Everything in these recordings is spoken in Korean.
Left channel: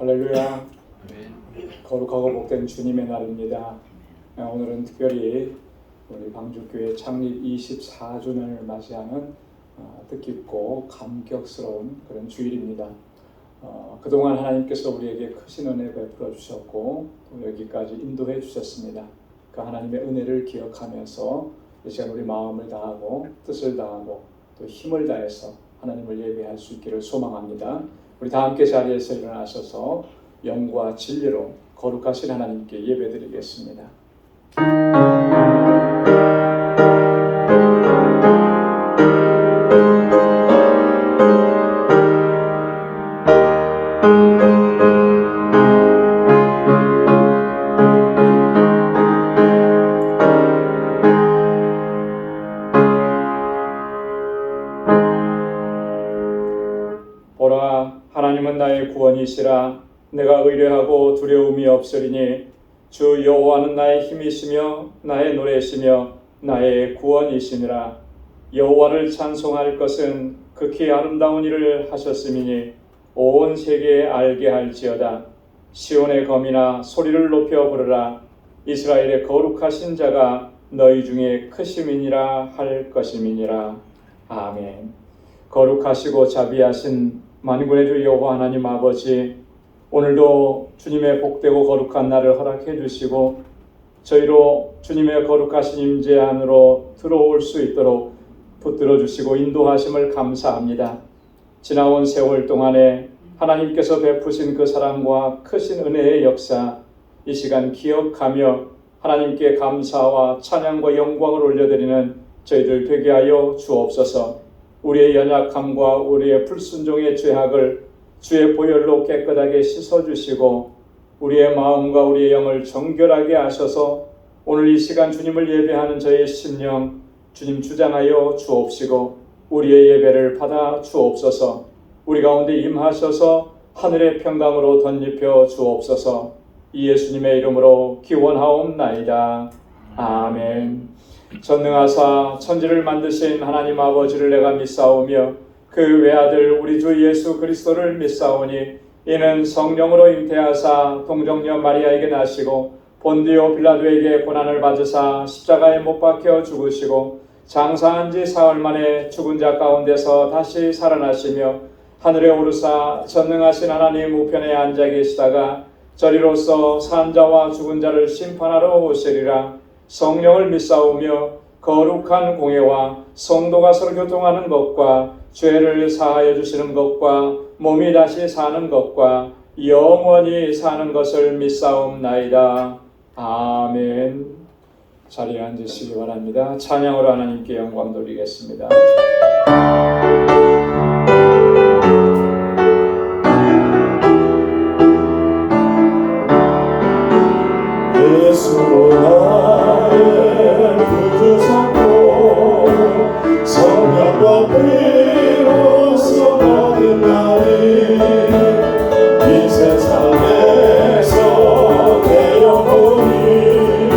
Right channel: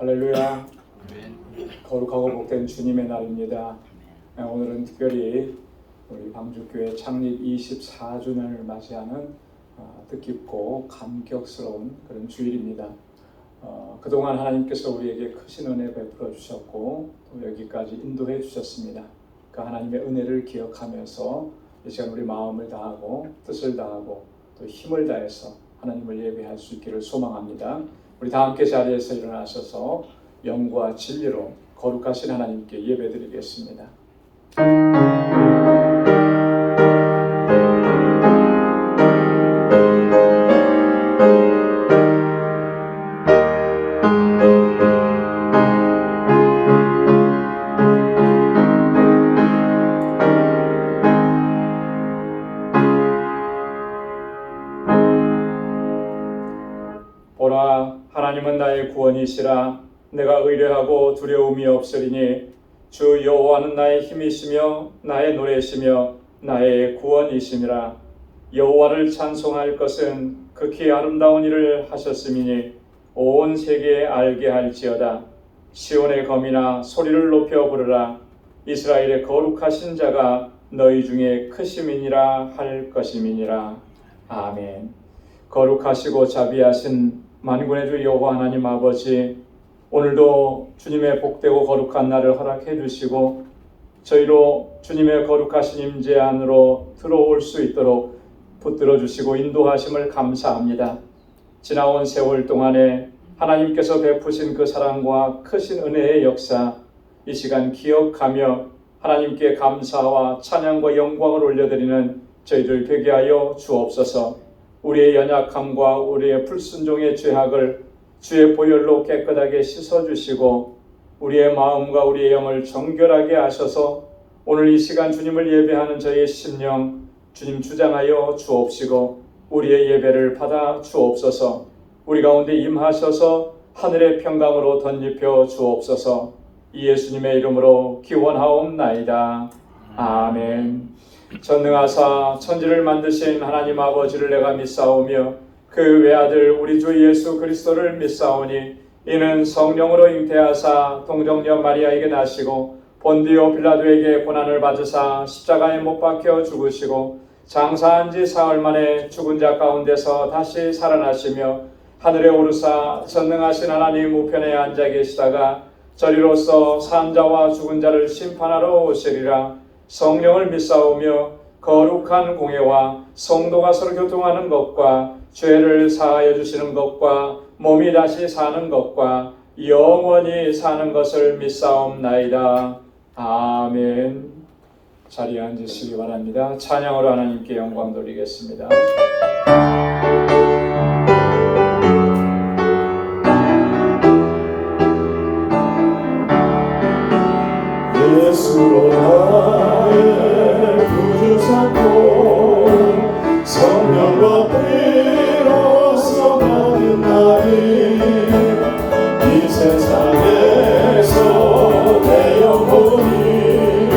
할렐루야. 거룩하고 복된 주님의 날입니다. 오늘은 특별히 우리 방주교회 창립 24주년을 맞이하는 뜻깊고 감격스러운 그런 주일입니다. 그동안 하나님께서 우리에게 크신 은혜 베풀어 주셨고 또 여기까지 인도해 주셨습니다. 그 하나님의 은혜를 기억하면서 이 시간 우리 마음을 다하고 뜻을 다하고 또 힘을 다해서 하나님을 예배할 수 있기를 소망합니다. 우리 다 함께 자리에서 일어나셔서 영과 진리로 거룩하신 하나님께 예배드리겠습니다. 보라, 하나님은 나의 구원이시라. 내가 의뢰하고 두려움이 없으리니 주 여호와는 나의 힘이시며 나의 노래시며 나의 구원이시니라. 여호와를 찬송할 것은 극히 아름다운 일을 하셨음이니 온 세계에 알게 할지어다. 시온의 검이나 소리를 높여 부르라. 이스라엘의 거룩하신 자가 너희 중에 크심이니라 할 것임이니라. 아멘. 거룩하시고 자비하신 만군의 주 여호와 하나님 아버지, 오늘도 주님의 복되고 거룩한 날을 허락해 주시고 저희로 주님의 거룩하신 임재 안으로 들어올 수 있도록 붙들어 주시고 인도하심을 감사합니다. 지나온 세월 동안에 하나님께서 베푸신 그 사랑과 크신 은혜의 역사, 이 시간 기억하며 하나님께 감사와 찬양과 영광을 올려드리는 저희들 되게 하여 주옵소서. 우리의 연약함과 우리의 불순종의 죄악을 주의 보혈로 깨끗하게 씻어주시고 우리의 마음과 우리의 영을 정결하게 하셔서 오늘 이 시간 주님을 예배하는 저의 심령 주님 주장하여 주옵시고 우리의 예배를 받아 주옵소서. 우리 가운데 임하셔서 하늘의 평강으로 덧입혀 주옵소서. 이 예수님의 이름으로 기원하옵나이다. 아멘. 전능하사 천지를 만드신 하나님 아버지를 내가 믿사오며 그 외아들 우리 주 예수 그리스도를 믿사오니 이는 성령으로 잉태하사 동정녀 마리아에게 나시고 본디오 빌라도에게 고난을 받으사 십자가에 못 박혀 죽으시고 장사한 지 사흘 만에 죽은 자 가운데서 다시 살아나시며 하늘에 오르사 전능하신 하나님 우편에 앉아 계시다가 저리로서 산 자와 죽은 자를 심판하러 오시리라. 성령을 믿사오며 거룩한 공예와 성도가 서로 교통하는 것과 죄를 사하여 주시는 것과 몸이 다시 사는 것과 영원히 사는 것을 믿사옵나이다. 아멘. 자리에 앉으시기 바랍니다. 찬양으로 하나님께 영광 돌리겠습니다. 예수로 나의 구주 삼고 성령과 피로써 받은 날이 이 세상에서 내 영혼이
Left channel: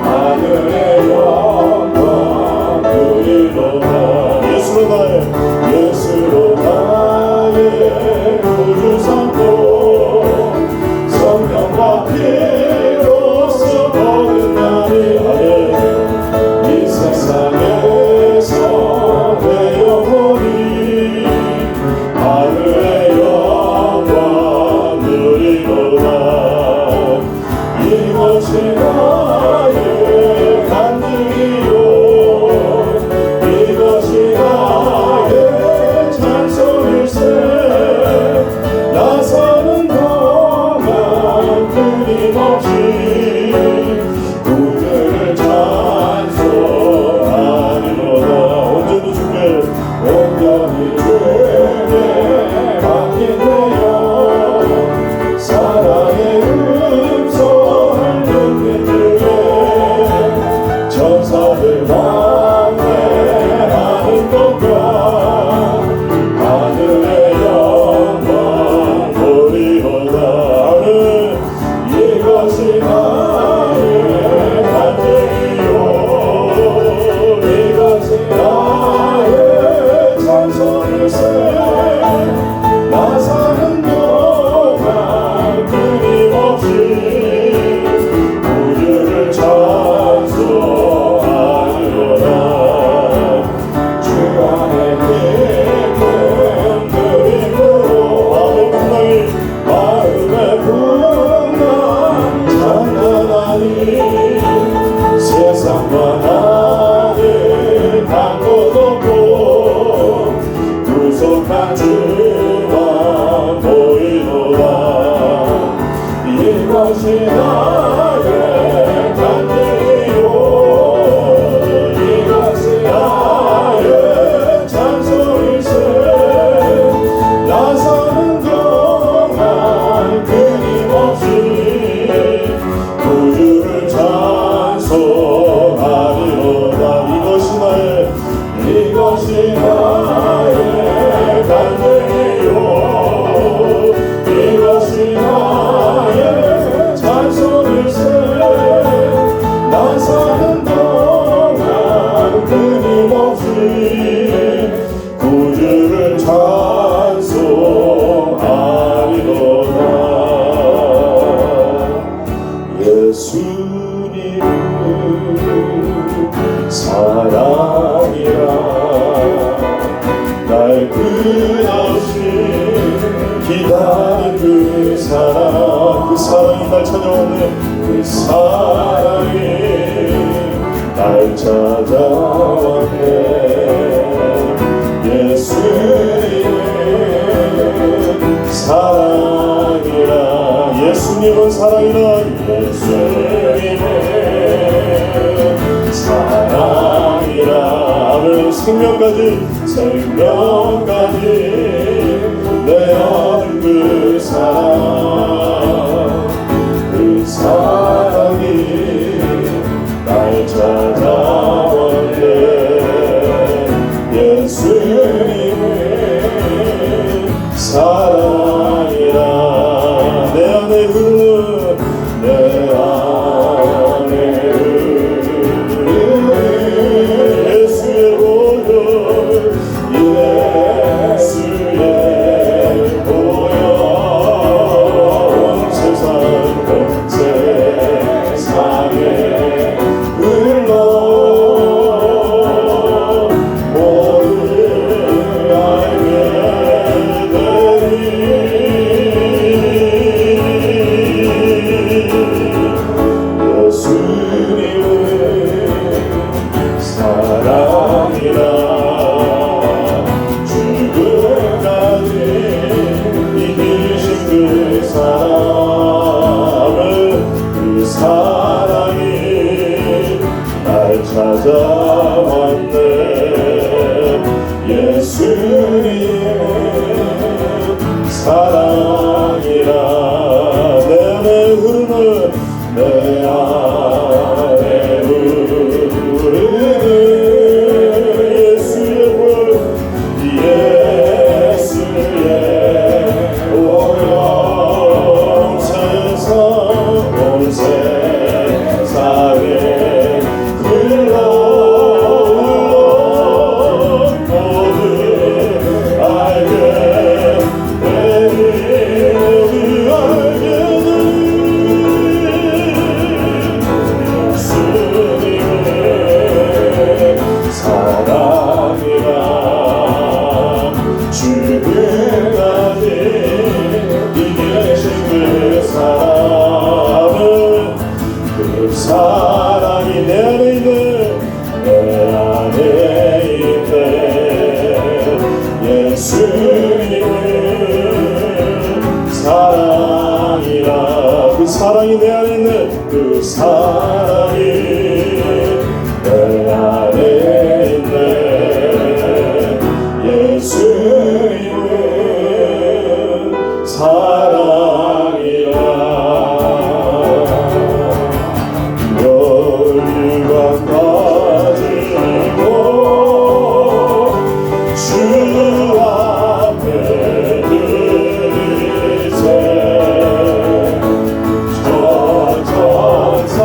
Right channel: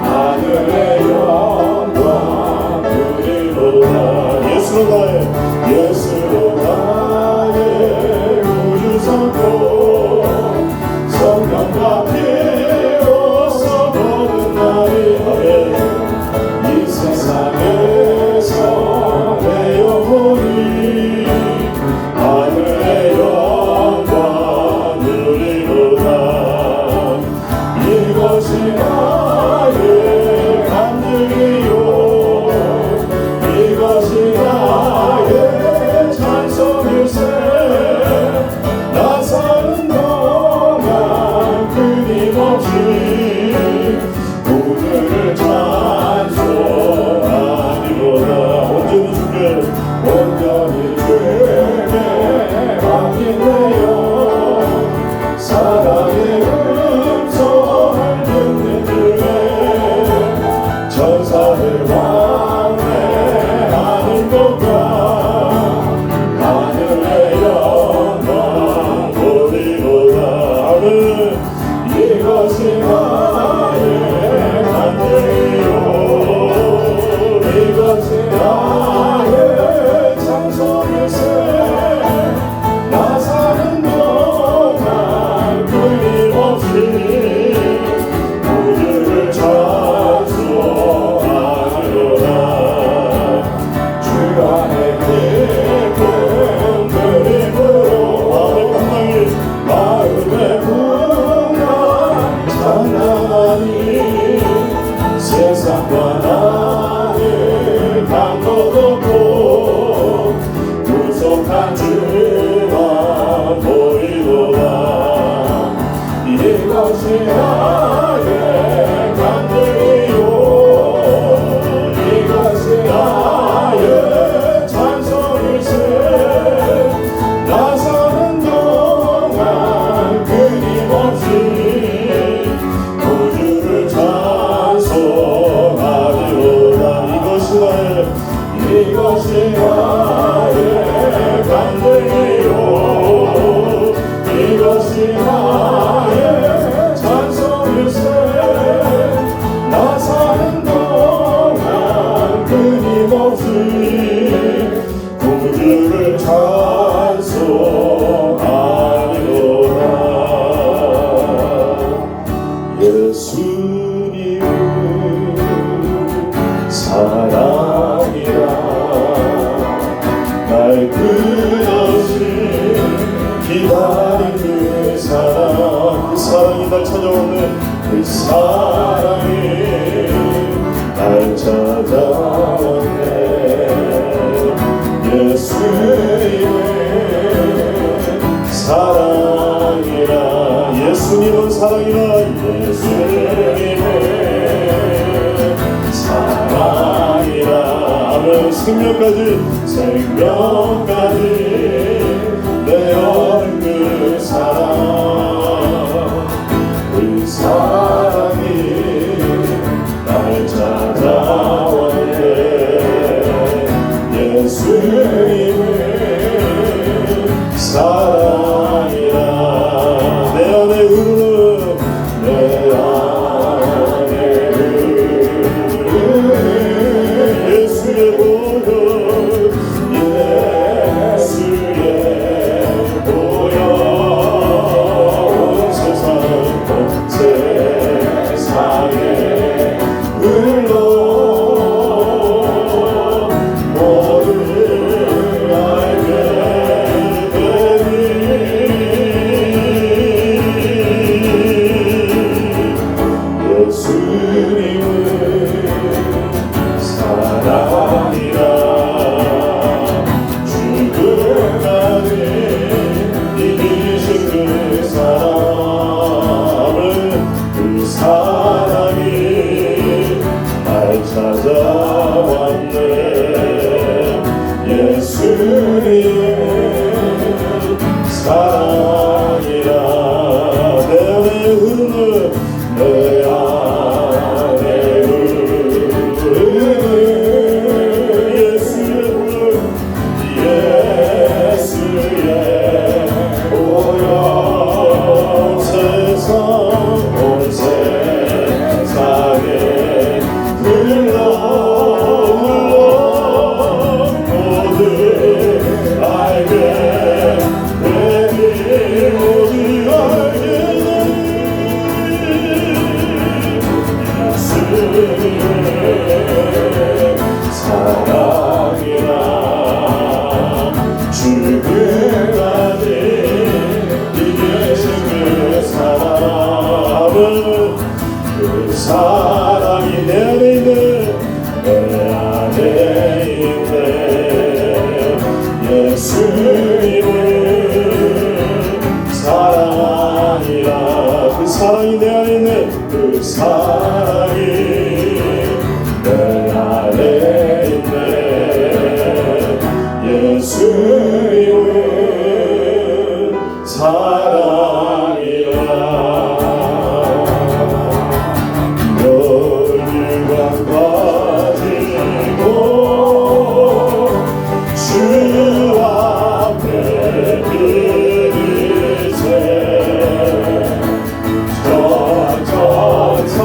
하늘의 영광 누리로다. 예수로 나의 구주 삼고 성령과 피로써 받은 위하여 찬송일세 나 사는 동안 끊임없이 구주를 찬송하리로다. 예수님 사랑이라 날 끝없이 기다린 그 사랑이 날 찾아오네. 그 사랑이 날 찾아왔네. 예수님은 사랑이라 예수님은 사랑이라 예수님은 사랑이라 아멘. 생명까지 내 얻은 그 사랑이 날 찾아왔네. 예수님은 사랑이라 내 안에 흐르는 예수의 보혈 온 세상에 흘러 모두를 알게 되니 예수님은 사랑이라 죽음까지 이기신 그 사랑이 날 찾아왔네. 예수님은 사랑이라 내 안에 흐르는 예수의 보혈 온 세상에 흘러 모두 알게 되니 예수님은 사랑이라 죽음까지 이기신 그 사랑이 내 안에 있네. 예수님은 사랑이라 그 사랑이 내 안에 있네. 그 사랑이 내 안에 있네. 예수님은 사랑이라 열류가 가지고 주 앞에 드리세 천천사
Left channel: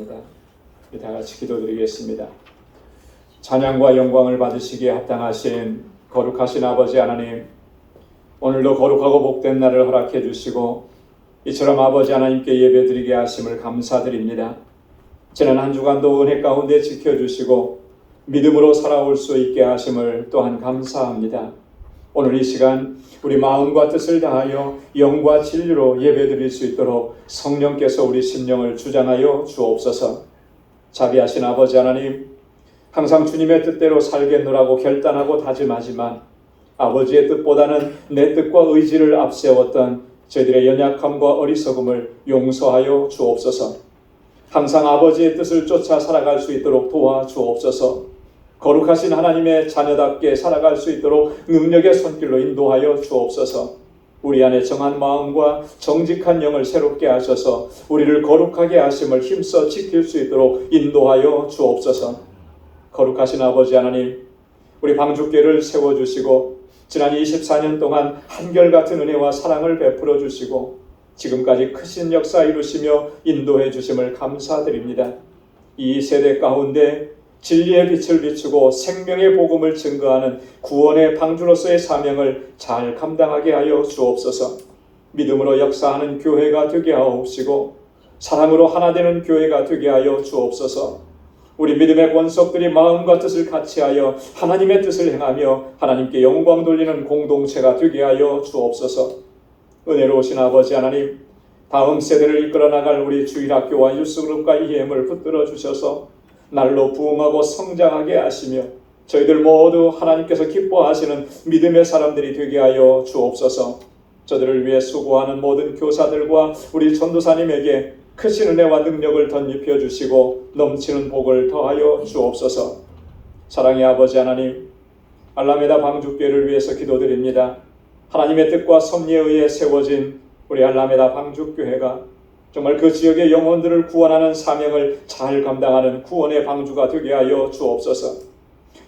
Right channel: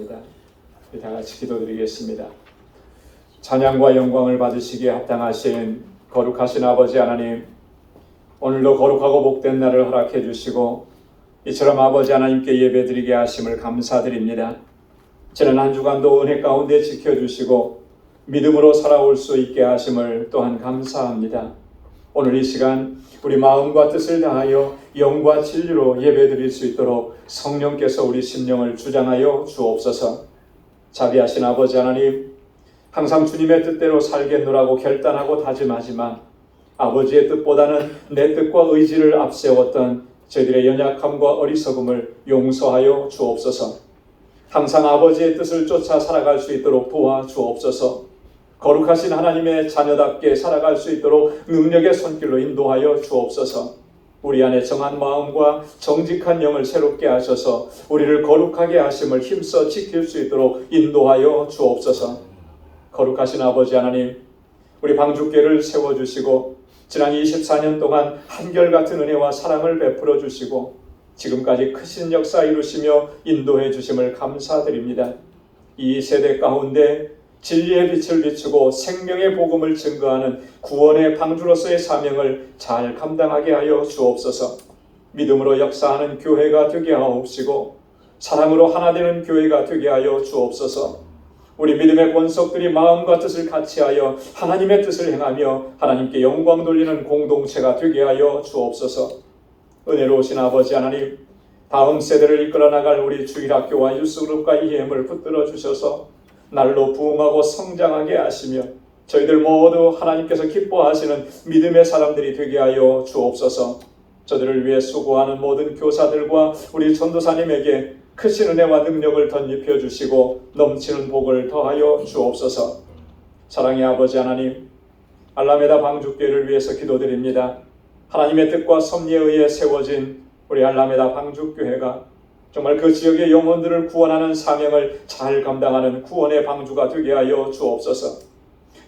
원합니다. 우리 다 같이 기도드리겠습니다. 찬양과 영광을 받으시기에 합당하신 거룩하신 아버지 하나님, 오늘도 거룩하고 복된 날을 허락해 주시고 이처럼 아버지 하나님께 예배드리게 하심을 감사드립니다. 지난 한 주간도 은혜 가운데 지켜주시고 믿음으로 살아올 수 있게 하심을 또한 감사합니다. 오늘 이 시간 우리 마음과 뜻을 다하여 영과 진리로 예배드릴 수 있도록 성령께서 우리 심령을 주장하여 주옵소서. 자비하신 아버지 하나님, 항상 주님의 뜻대로 살겠노라고 결단하고 다짐하지만 아버지의 뜻보다는 내 뜻과 의지를 앞세웠던 저희들의 연약함과 어리석음을 용서하여 주옵소서. 항상 아버지의 뜻을 쫓아 살아갈 수 있도록 도와주옵소서. 거룩하신 하나님의 자녀답게 살아갈 수 있도록 능력의 손길로 인도하여 주옵소서. 우리 안에 정한 마음과 정직한 영을 새롭게 하셔서 우리를 거룩하게 하심을 힘써 지킬 수 있도록 인도하여 주옵소서. 거룩하신 아버지 하나님, 우리 방주교를 세워주시고 지난 24년 동안 한결같은 은혜와 사랑을 베풀어 주시고 지금까지 크신 역사 이루시며 인도해 주심을 감사드립니다. 이 세대 가운데 진리의 빛을 비추고 생명의 복음을 증거하는 구원의 방주로서의 사명을 잘 감당하게 하여 주옵소서. 믿음으로 역사하는 교회가 되게 하옵시고 사랑으로 하나 되는 교회가 되게 하여 주옵소서. 우리 믿음의 권속들이 마음과 뜻을 같이하여 하나님의 뜻을 행하며 하나님께 영광 돌리는 공동체가 되게 하여 주옵소서. 은혜로우신 아버지 하나님, 다음 세대를 이끌어 나갈 우리 주일학교와 유스그룹과 EM을 붙들어 주셔서 날로 부흥하고 성장하게 하시며 저희들 모두 하나님께서 기뻐하시는 믿음의 사람들이 되게 하여 주옵소서. 저들을 위해 수고하는 모든 교사들과 우리 전도사님에게 크신 은혜와 능력을 덧입혀 주시고 넘치는 복을 더하여 주옵소서. 사랑의 아버지 하나님, 알라메다 방주교회를 위해서 기도드립니다. 하나님의 뜻과 섭리에 의해 세워진 우리 알라메다 방주교회가 정말 그 지역의 영혼들을 구원하는 사명을 잘 감당하는 구원의 방주가 되게 하여 주옵소서.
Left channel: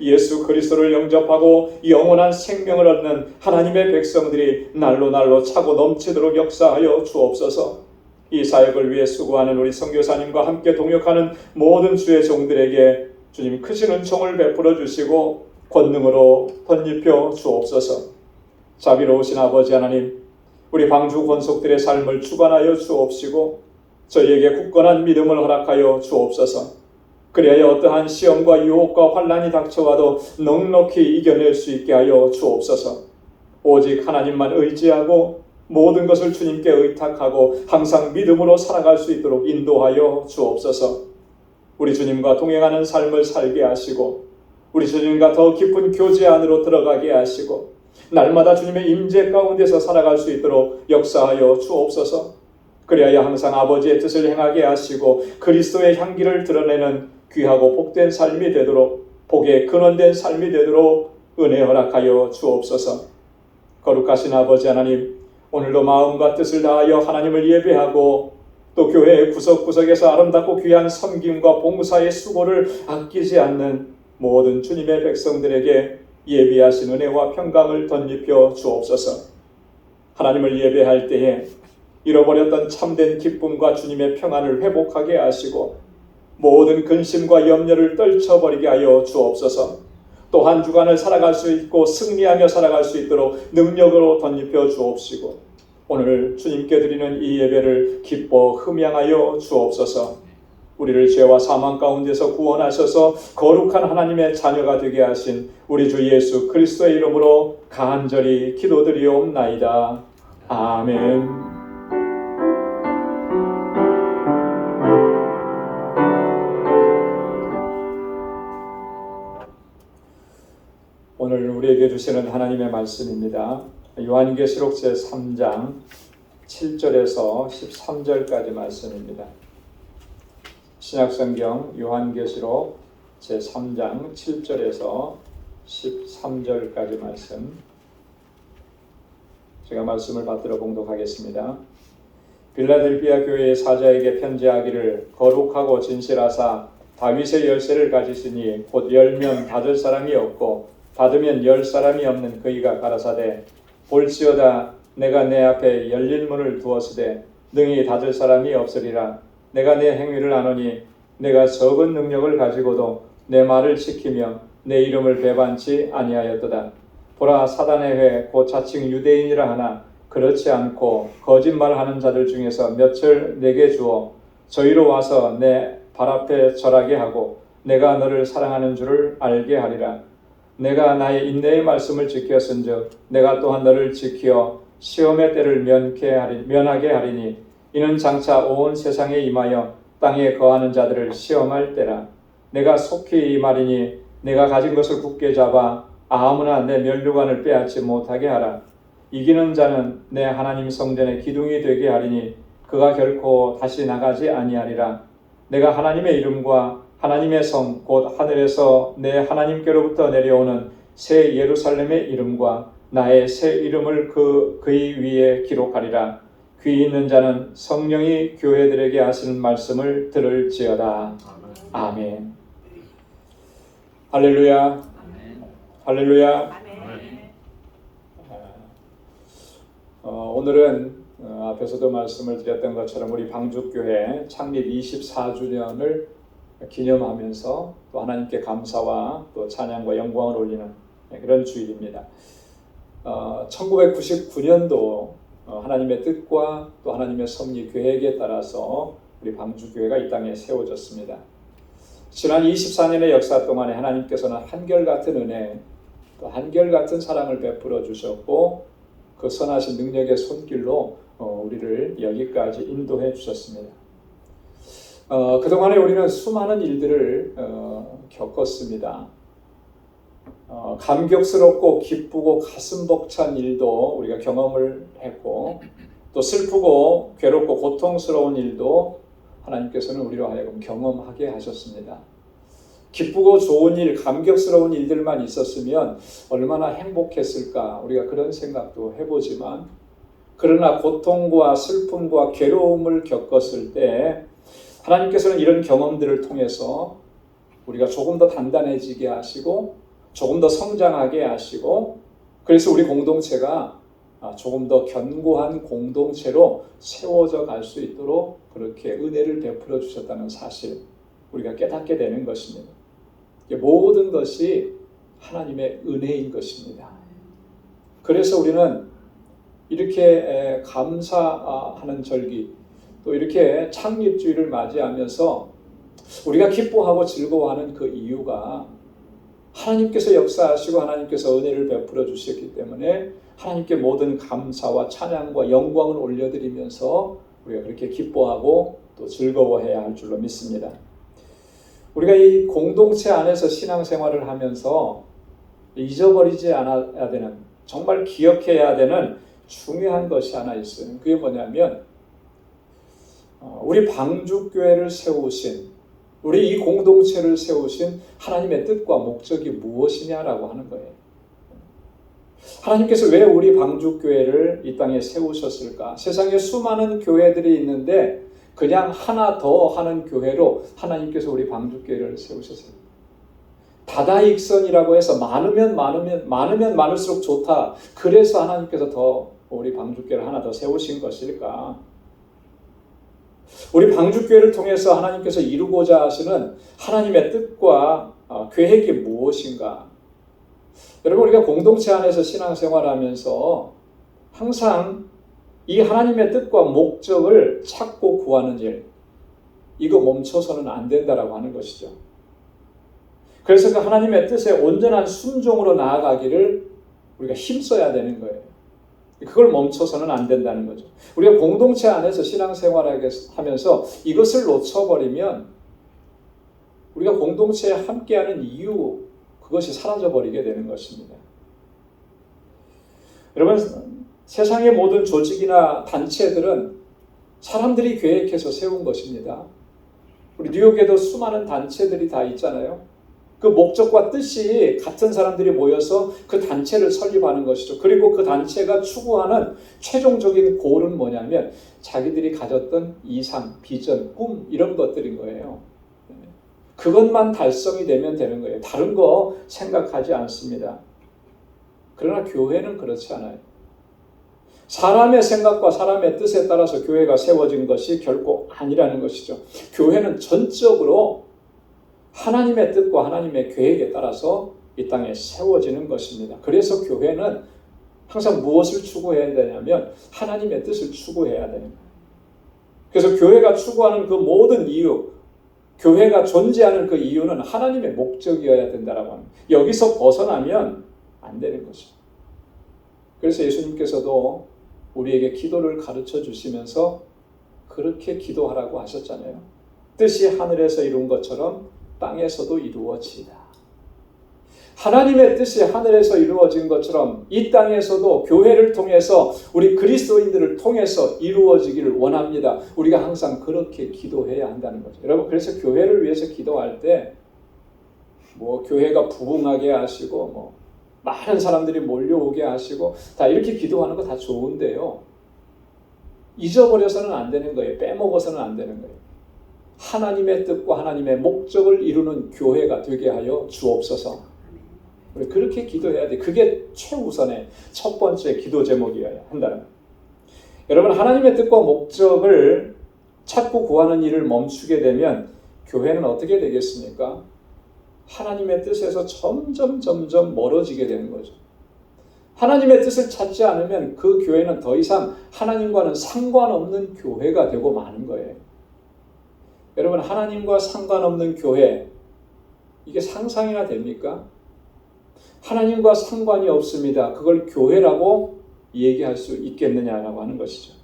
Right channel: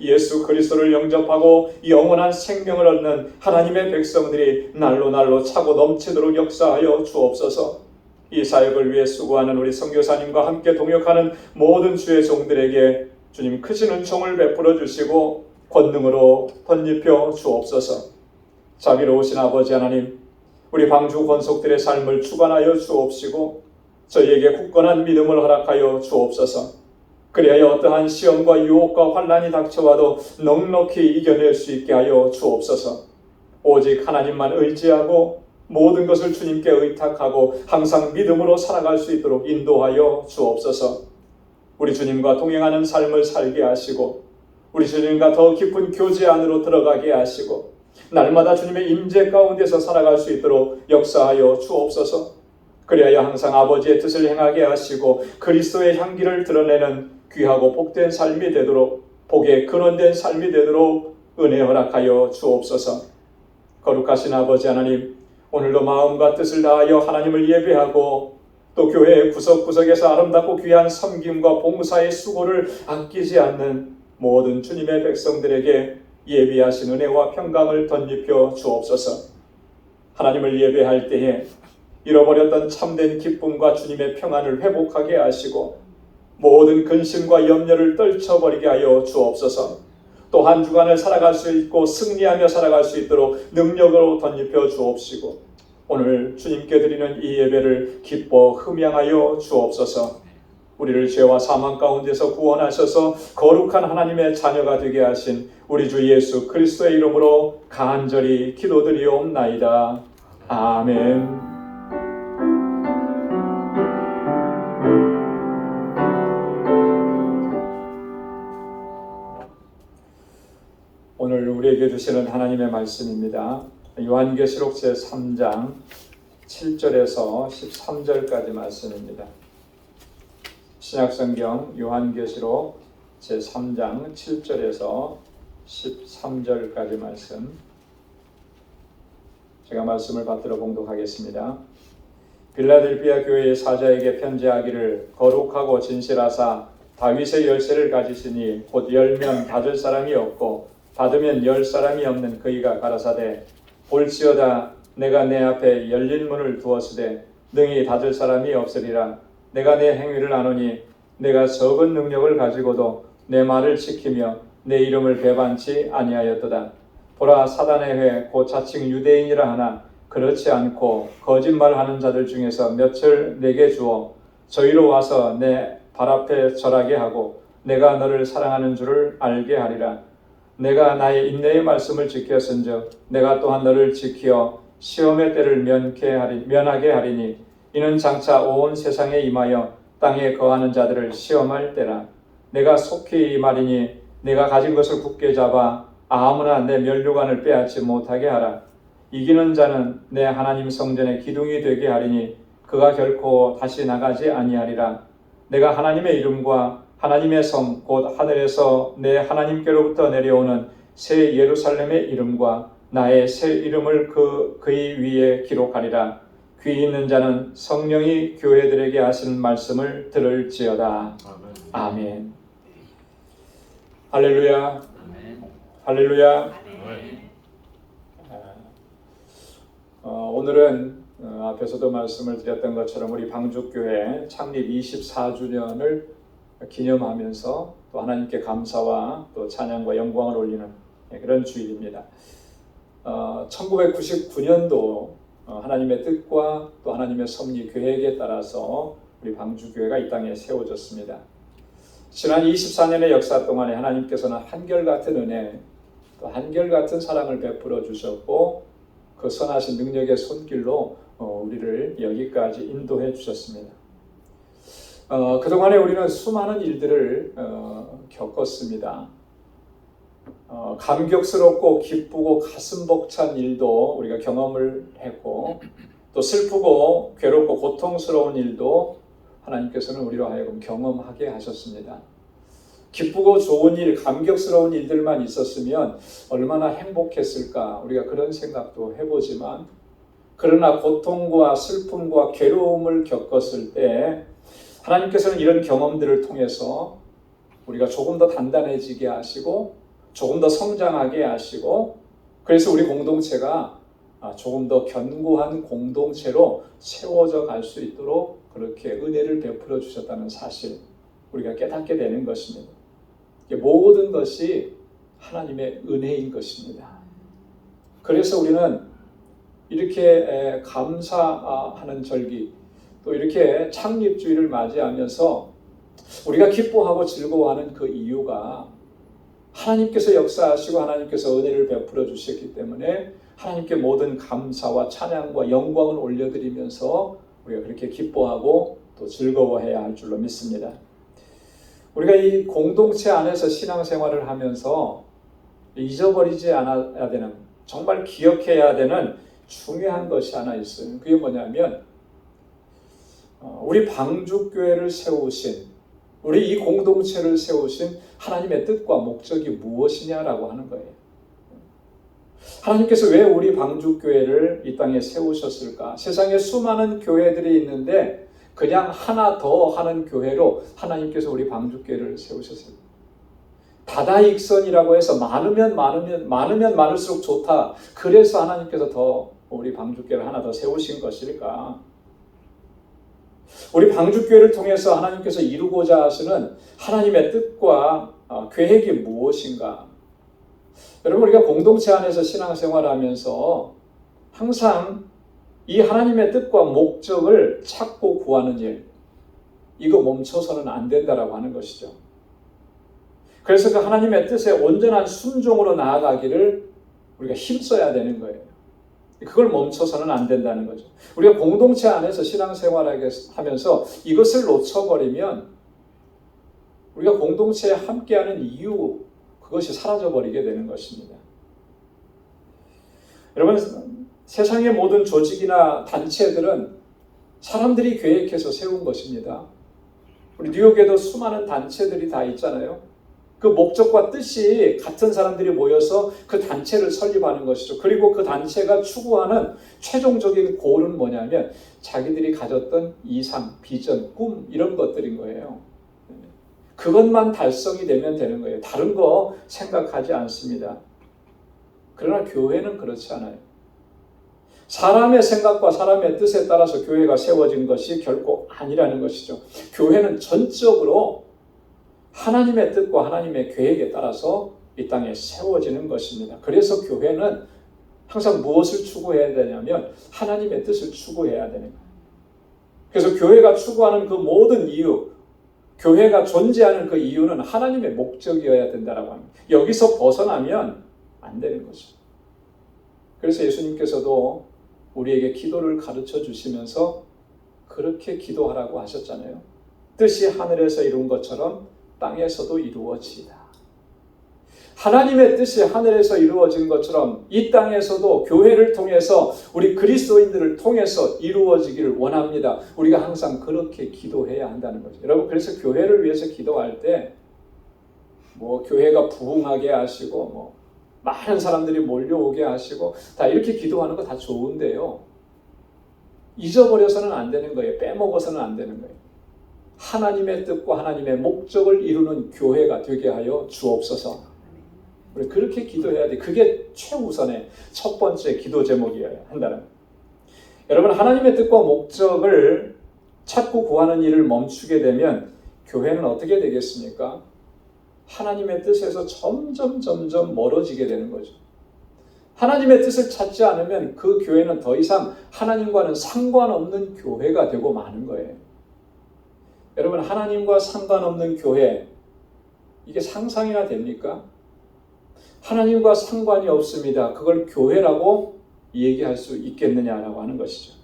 예수 그리스도를 영접하고 영원한 생명을 얻는 하나님의 백성들이 날로 차고 넘치도록 역사하여 주옵소서. 이 사역을 위해 수고하는 우리 선교사님과 함께 동역하는 모든 주의 종들에게 주님 크신 은총을 베풀어 주시고 권능으로 덧입혀 주옵소서. 자비로우신 아버지 하나님, 우리 방주 권속들의 삶을 주관하여 주옵시고 저희에게 굳건한 믿음을 허락하여 주옵소서. 그리하여 어떠한 시험과 유혹과 환난이 닥쳐와도 넉넉히 이겨낼 수 있게 하여 주옵소서. 오직 하나님만 의지하고 모든 것을 주님께 의탁하고 항상 믿음으로 살아갈 수 있도록 인도하여 주옵소서. 우리 주님과 동행하는 삶을 살게 하시고 우리 주님과 더 깊은 교제 안으로 들어가게 하시고 날마다 주님의 임재 가운데서 살아갈 수 있도록 역사하여 주옵소서. 그리하여 항상 아버지의 뜻을 행하게 하시고 그리스도의 향기를 드러내는 귀하고 복된 삶이 되도록 복의 근원된 삶이 되도록 은혜 허락하여 주옵소서. 거룩하신 아버지 하나님, 오늘도 마음과 뜻을 다하여 하나님을 예배하고 또 교회의 구석구석에서 아름답고 귀한 섬김과 봉사의 수고를 아끼지 않는 모든 주님의 백성들에게 예비하신 은혜와 평강을 덧입혀 주옵소서. 하나님을 예배할 때에 잃어버렸던 참된 기쁨과 주님의 평안을 회복하게 하시고 모든 근심과 염려를 떨쳐버리게 하여 주옵소서. 또 한 주간을 살아갈 수 있고 승리하며 살아갈 수 있도록 능력으로 덧입혀 주옵시고 오늘 주님께 드리는 이 예배를 기뻐 흠양하여 주옵소서. 우리를 죄와 사망 가운데서 구원하셔서 거룩한 하나님의 자녀가 되게 하신 우리 주 예수 그리스도의 이름으로 간절히 기도드리옵나이다. 아멘. 오늘 우리에게 주시는 하나님의 말씀입니다. 요한계시록 제3장 7절에서 13절까지 말씀입니다. 신약성경 요한계시록 제3장 7절에서 13절까지 말씀, 제가 말씀을 받들어 봉독하겠습니다. 빌라델비아 교회의 사자에게 편지하기를 거룩하고 진실하사 다윗의 열쇠를 가지시니 곧 열면 닫을 사람이 없고 닫으면 열 사람이 없는 그이가 가라사대 볼지어다 내가 내 앞에 열린 문을 두었으되 능히 닫을 사람이 없으리라. 내가 내 행위를 아노니 내가 적은 능력을 가지고도 내 말을 지키며 내 이름을 배반치 아니하였도다. 보라, 사단의 회 곧 자칭 유대인이라 하나 그렇지 않고 거짓말하는 자들 중에서 몇을 내게 주어 저희로 와서 내 발 앞에 절하게 하고 내가 너를 사랑하는 줄을 알게 하리라. 내가 나의 인내의 말씀을 지켰은즉 내가 또한 너를 지키어 시험의 때를 면하게 하리니 이는 장차 온 세상에 임하여 땅에 거하는 자들을 시험할 때라. 내가 속히 말이니 내가 가진 것을 굳게 잡아 아무나 내 면류관을 빼앗지 못하게 하라. 이기는 자는 내 하나님 성전의 기둥이 되게 하리니 그가 결코 다시 나가지 아니하리라. 내가 하나님의 이름과 하나님의 성 곧 하늘에서 내 하나님께로부터 내려오는 새 예루살렘의 이름과 나의 새 이름을 그의 위에 기록하리라. 귀 있는 자는 성령이 교회들에게 하시는 말씀을 들을지어다. 아멘. 할렐루야. 할렐루야. 오늘은 앞에서도 말씀을 드렸던 것처럼 우리 방주교회 창립 24주년을 기념하면서 또 하나님께 감사와 또 찬양과 영광을 올리는 그런 주일입니다. 1999년도 하나님의 뜻과 또 하나님의 섭리 계획에 따라서 우리 방주교회가 이 땅에 세워졌습니다. 지난 24년의 역사 동안에 하나님께서는 한결같은 은혜, 또 한결같은 사랑을 베풀어 주셨고 그 선하신 능력의 손길로 우리를 여기까지 인도해 주셨습니다. 그동안에 우리는 수많은 일들을 겪었습니다. 감격스럽고 기쁘고 가슴 벅찬 일도 우리가 경험을 했고 또 슬프고 괴롭고 고통스러운 일도 하나님께서는 우리로 하여금 경험하게 하셨습니다. 기쁘고 좋은 일, 감격스러운 일들만 있었으면 얼마나 행복했을까 우리가 그런 생각도 해보지만 그러나 고통과 슬픔과 괴로움을 겪었을 때 하나님께서는 이런 경험들을 통해서 우리가 조금 더 단단해지게 하시고 조금 더 성장하게 하시고 그래서 우리 공동체가 조금 더 견고한 공동체로 세워져 갈 수 있도록 그렇게 은혜를 베풀어 주셨다는 사실 우리가 깨닫게 되는 것입니다. 모든 것이 하나님의 은혜인 것입니다. 그래서 우리는 이렇게 감사하는 절기 또 이렇게 창립주일을 맞이하면서 우리가 기뻐하고 즐거워하는 그 이유가 하나님께서 역사하시고 하나님께서 은혜를 베풀어 주셨기 때문에 하나님께 모든 감사와 찬양과 영광을 올려드리면서 우리가 그렇게 기뻐하고 또 즐거워해야 할 줄로 믿습니다. 우리가 이 공동체 안에서 신앙생활을 하면서 잊어버리지 않아야 되는 정말 기억해야 되는 중요한 것이 하나 있어요. 그게 뭐냐면 우리 방주교회를 세우신 우리 이 공동체를 세우신 하나님의 뜻과 목적이 무엇이냐라고 하는 거예요. 하나님께서 왜 우리 방주교회를 이 땅에 세우셨을까? 세상에 수많은 교회들이 있는데 그냥 하나 더 하는 교회로 하나님께서 우리 방주교회를 세우셨어요. 다다익선이라고 해서 많으면 많을수록 좋다. 그래서 하나님께서 더 우리 방주교회를 하나 더 세우신 것일까? 우리 방주교회를 통해서 하나님께서 이루고자 하시는 하나님의 뜻과 계획이 무엇인가? 여러분 우리가 공동체 안에서 신앙생활하면서 항상 이 하나님의 뜻과 목적을 찾고 구하는 일 이거 멈춰서는 안 된다라고 하는 것이죠. 그래서 그 하나님의 뜻에 온전한 순종으로 나아가기를 우리가 힘써야 되는 거예요. 그걸 멈춰서는 안 된다는 거죠. 우리가 공동체 안에서 신앙생활을 하면서 이것을 놓쳐버리면 우리가 공동체에 함께하는 이유 그것이 사라져버리게 되는 것입니다. 여러분 세상의 모든 조직이나 단체들은 사람들이 계획해서 세운 것입니다. 우리 뉴욕에도 수많은 단체들이 다 있잖아요. 그 목적과 뜻이 같은 사람들이 모여서 그 단체를 설립하는 것이죠. 그리고 그 단체가 추구하는 최종적인 골은 뭐냐면 자기들이 가졌던 이상, 비전, 꿈 이런 것들인 거예요. 그것만 달성이 되면 되는 거예요. 다른 거 생각하지 않습니다. 그러나 교회는 그렇지 않아요. 사람의 생각과 사람의 뜻에 따라서 교회가 세워진 것이 결코 아니라는 것이죠. 교회는 전적으로 하나님의 뜻과 하나님의 계획에 따라서 이 땅에 세워지는 것입니다. 그래서 교회는 항상 무엇을 추구해야 되냐면 하나님의 뜻을 추구해야 되는 거예요. 그래서 교회가 추구하는 그 모든 이유, 교회가 존재하는 그 이유는 하나님의 목적이어야 된다라고 하는 거예요. 여기서 벗어나면 안 되는 거죠. 그래서 예수님께서도 우리에게 기도를 가르쳐 주시면서 그렇게 기도하라고 하셨잖아요. 뜻이 하늘에서 이룬 것처럼 땅에서도 이루어지이다. 하나님의 뜻이 하늘에서 이루어진 것처럼 이 땅에서도 교회를 통해서 우리 그리스도인들을 통해서 이루어지기를 원합니다. 우리가 항상 그렇게 기도해야 한다는 거죠. 여러분, 그래서 교회를 위해서 기도할 때 교회가 부흥하게 하시고 많은 사람들이 몰려오게 하시고 다 이렇게 기도하는 거 다 좋은데요. 잊어버려서는 안 되는 거예요. 빼먹어서는 안 되는 거예요. 하나님의 뜻과 하나님의 목적을 이루는 교회가 되게 하여 주옵소서. 우리 그렇게 기도해야 돼. 그게 최우선의 첫 번째 기도 제목이어야 한다는 거예요. 여러분, 하나님의 뜻과 목적을 찾고 구하는 일을 멈추게 되면 교회는 어떻게 되겠습니까? 하나님의 뜻에서 점점 멀어지게 되는 거죠. 하나님의 뜻을 찾지 않으면 그 교회는 더 이상 하나님과는 상관없는 교회가 되고 마는 거예요. 여러분, 하나님과 상관없는 교회, 이게 상상이나 됩니까? 하나님과 상관이 없습니다. 그걸 교회라고 얘기할 수 있겠느냐라고 하는 것이죠.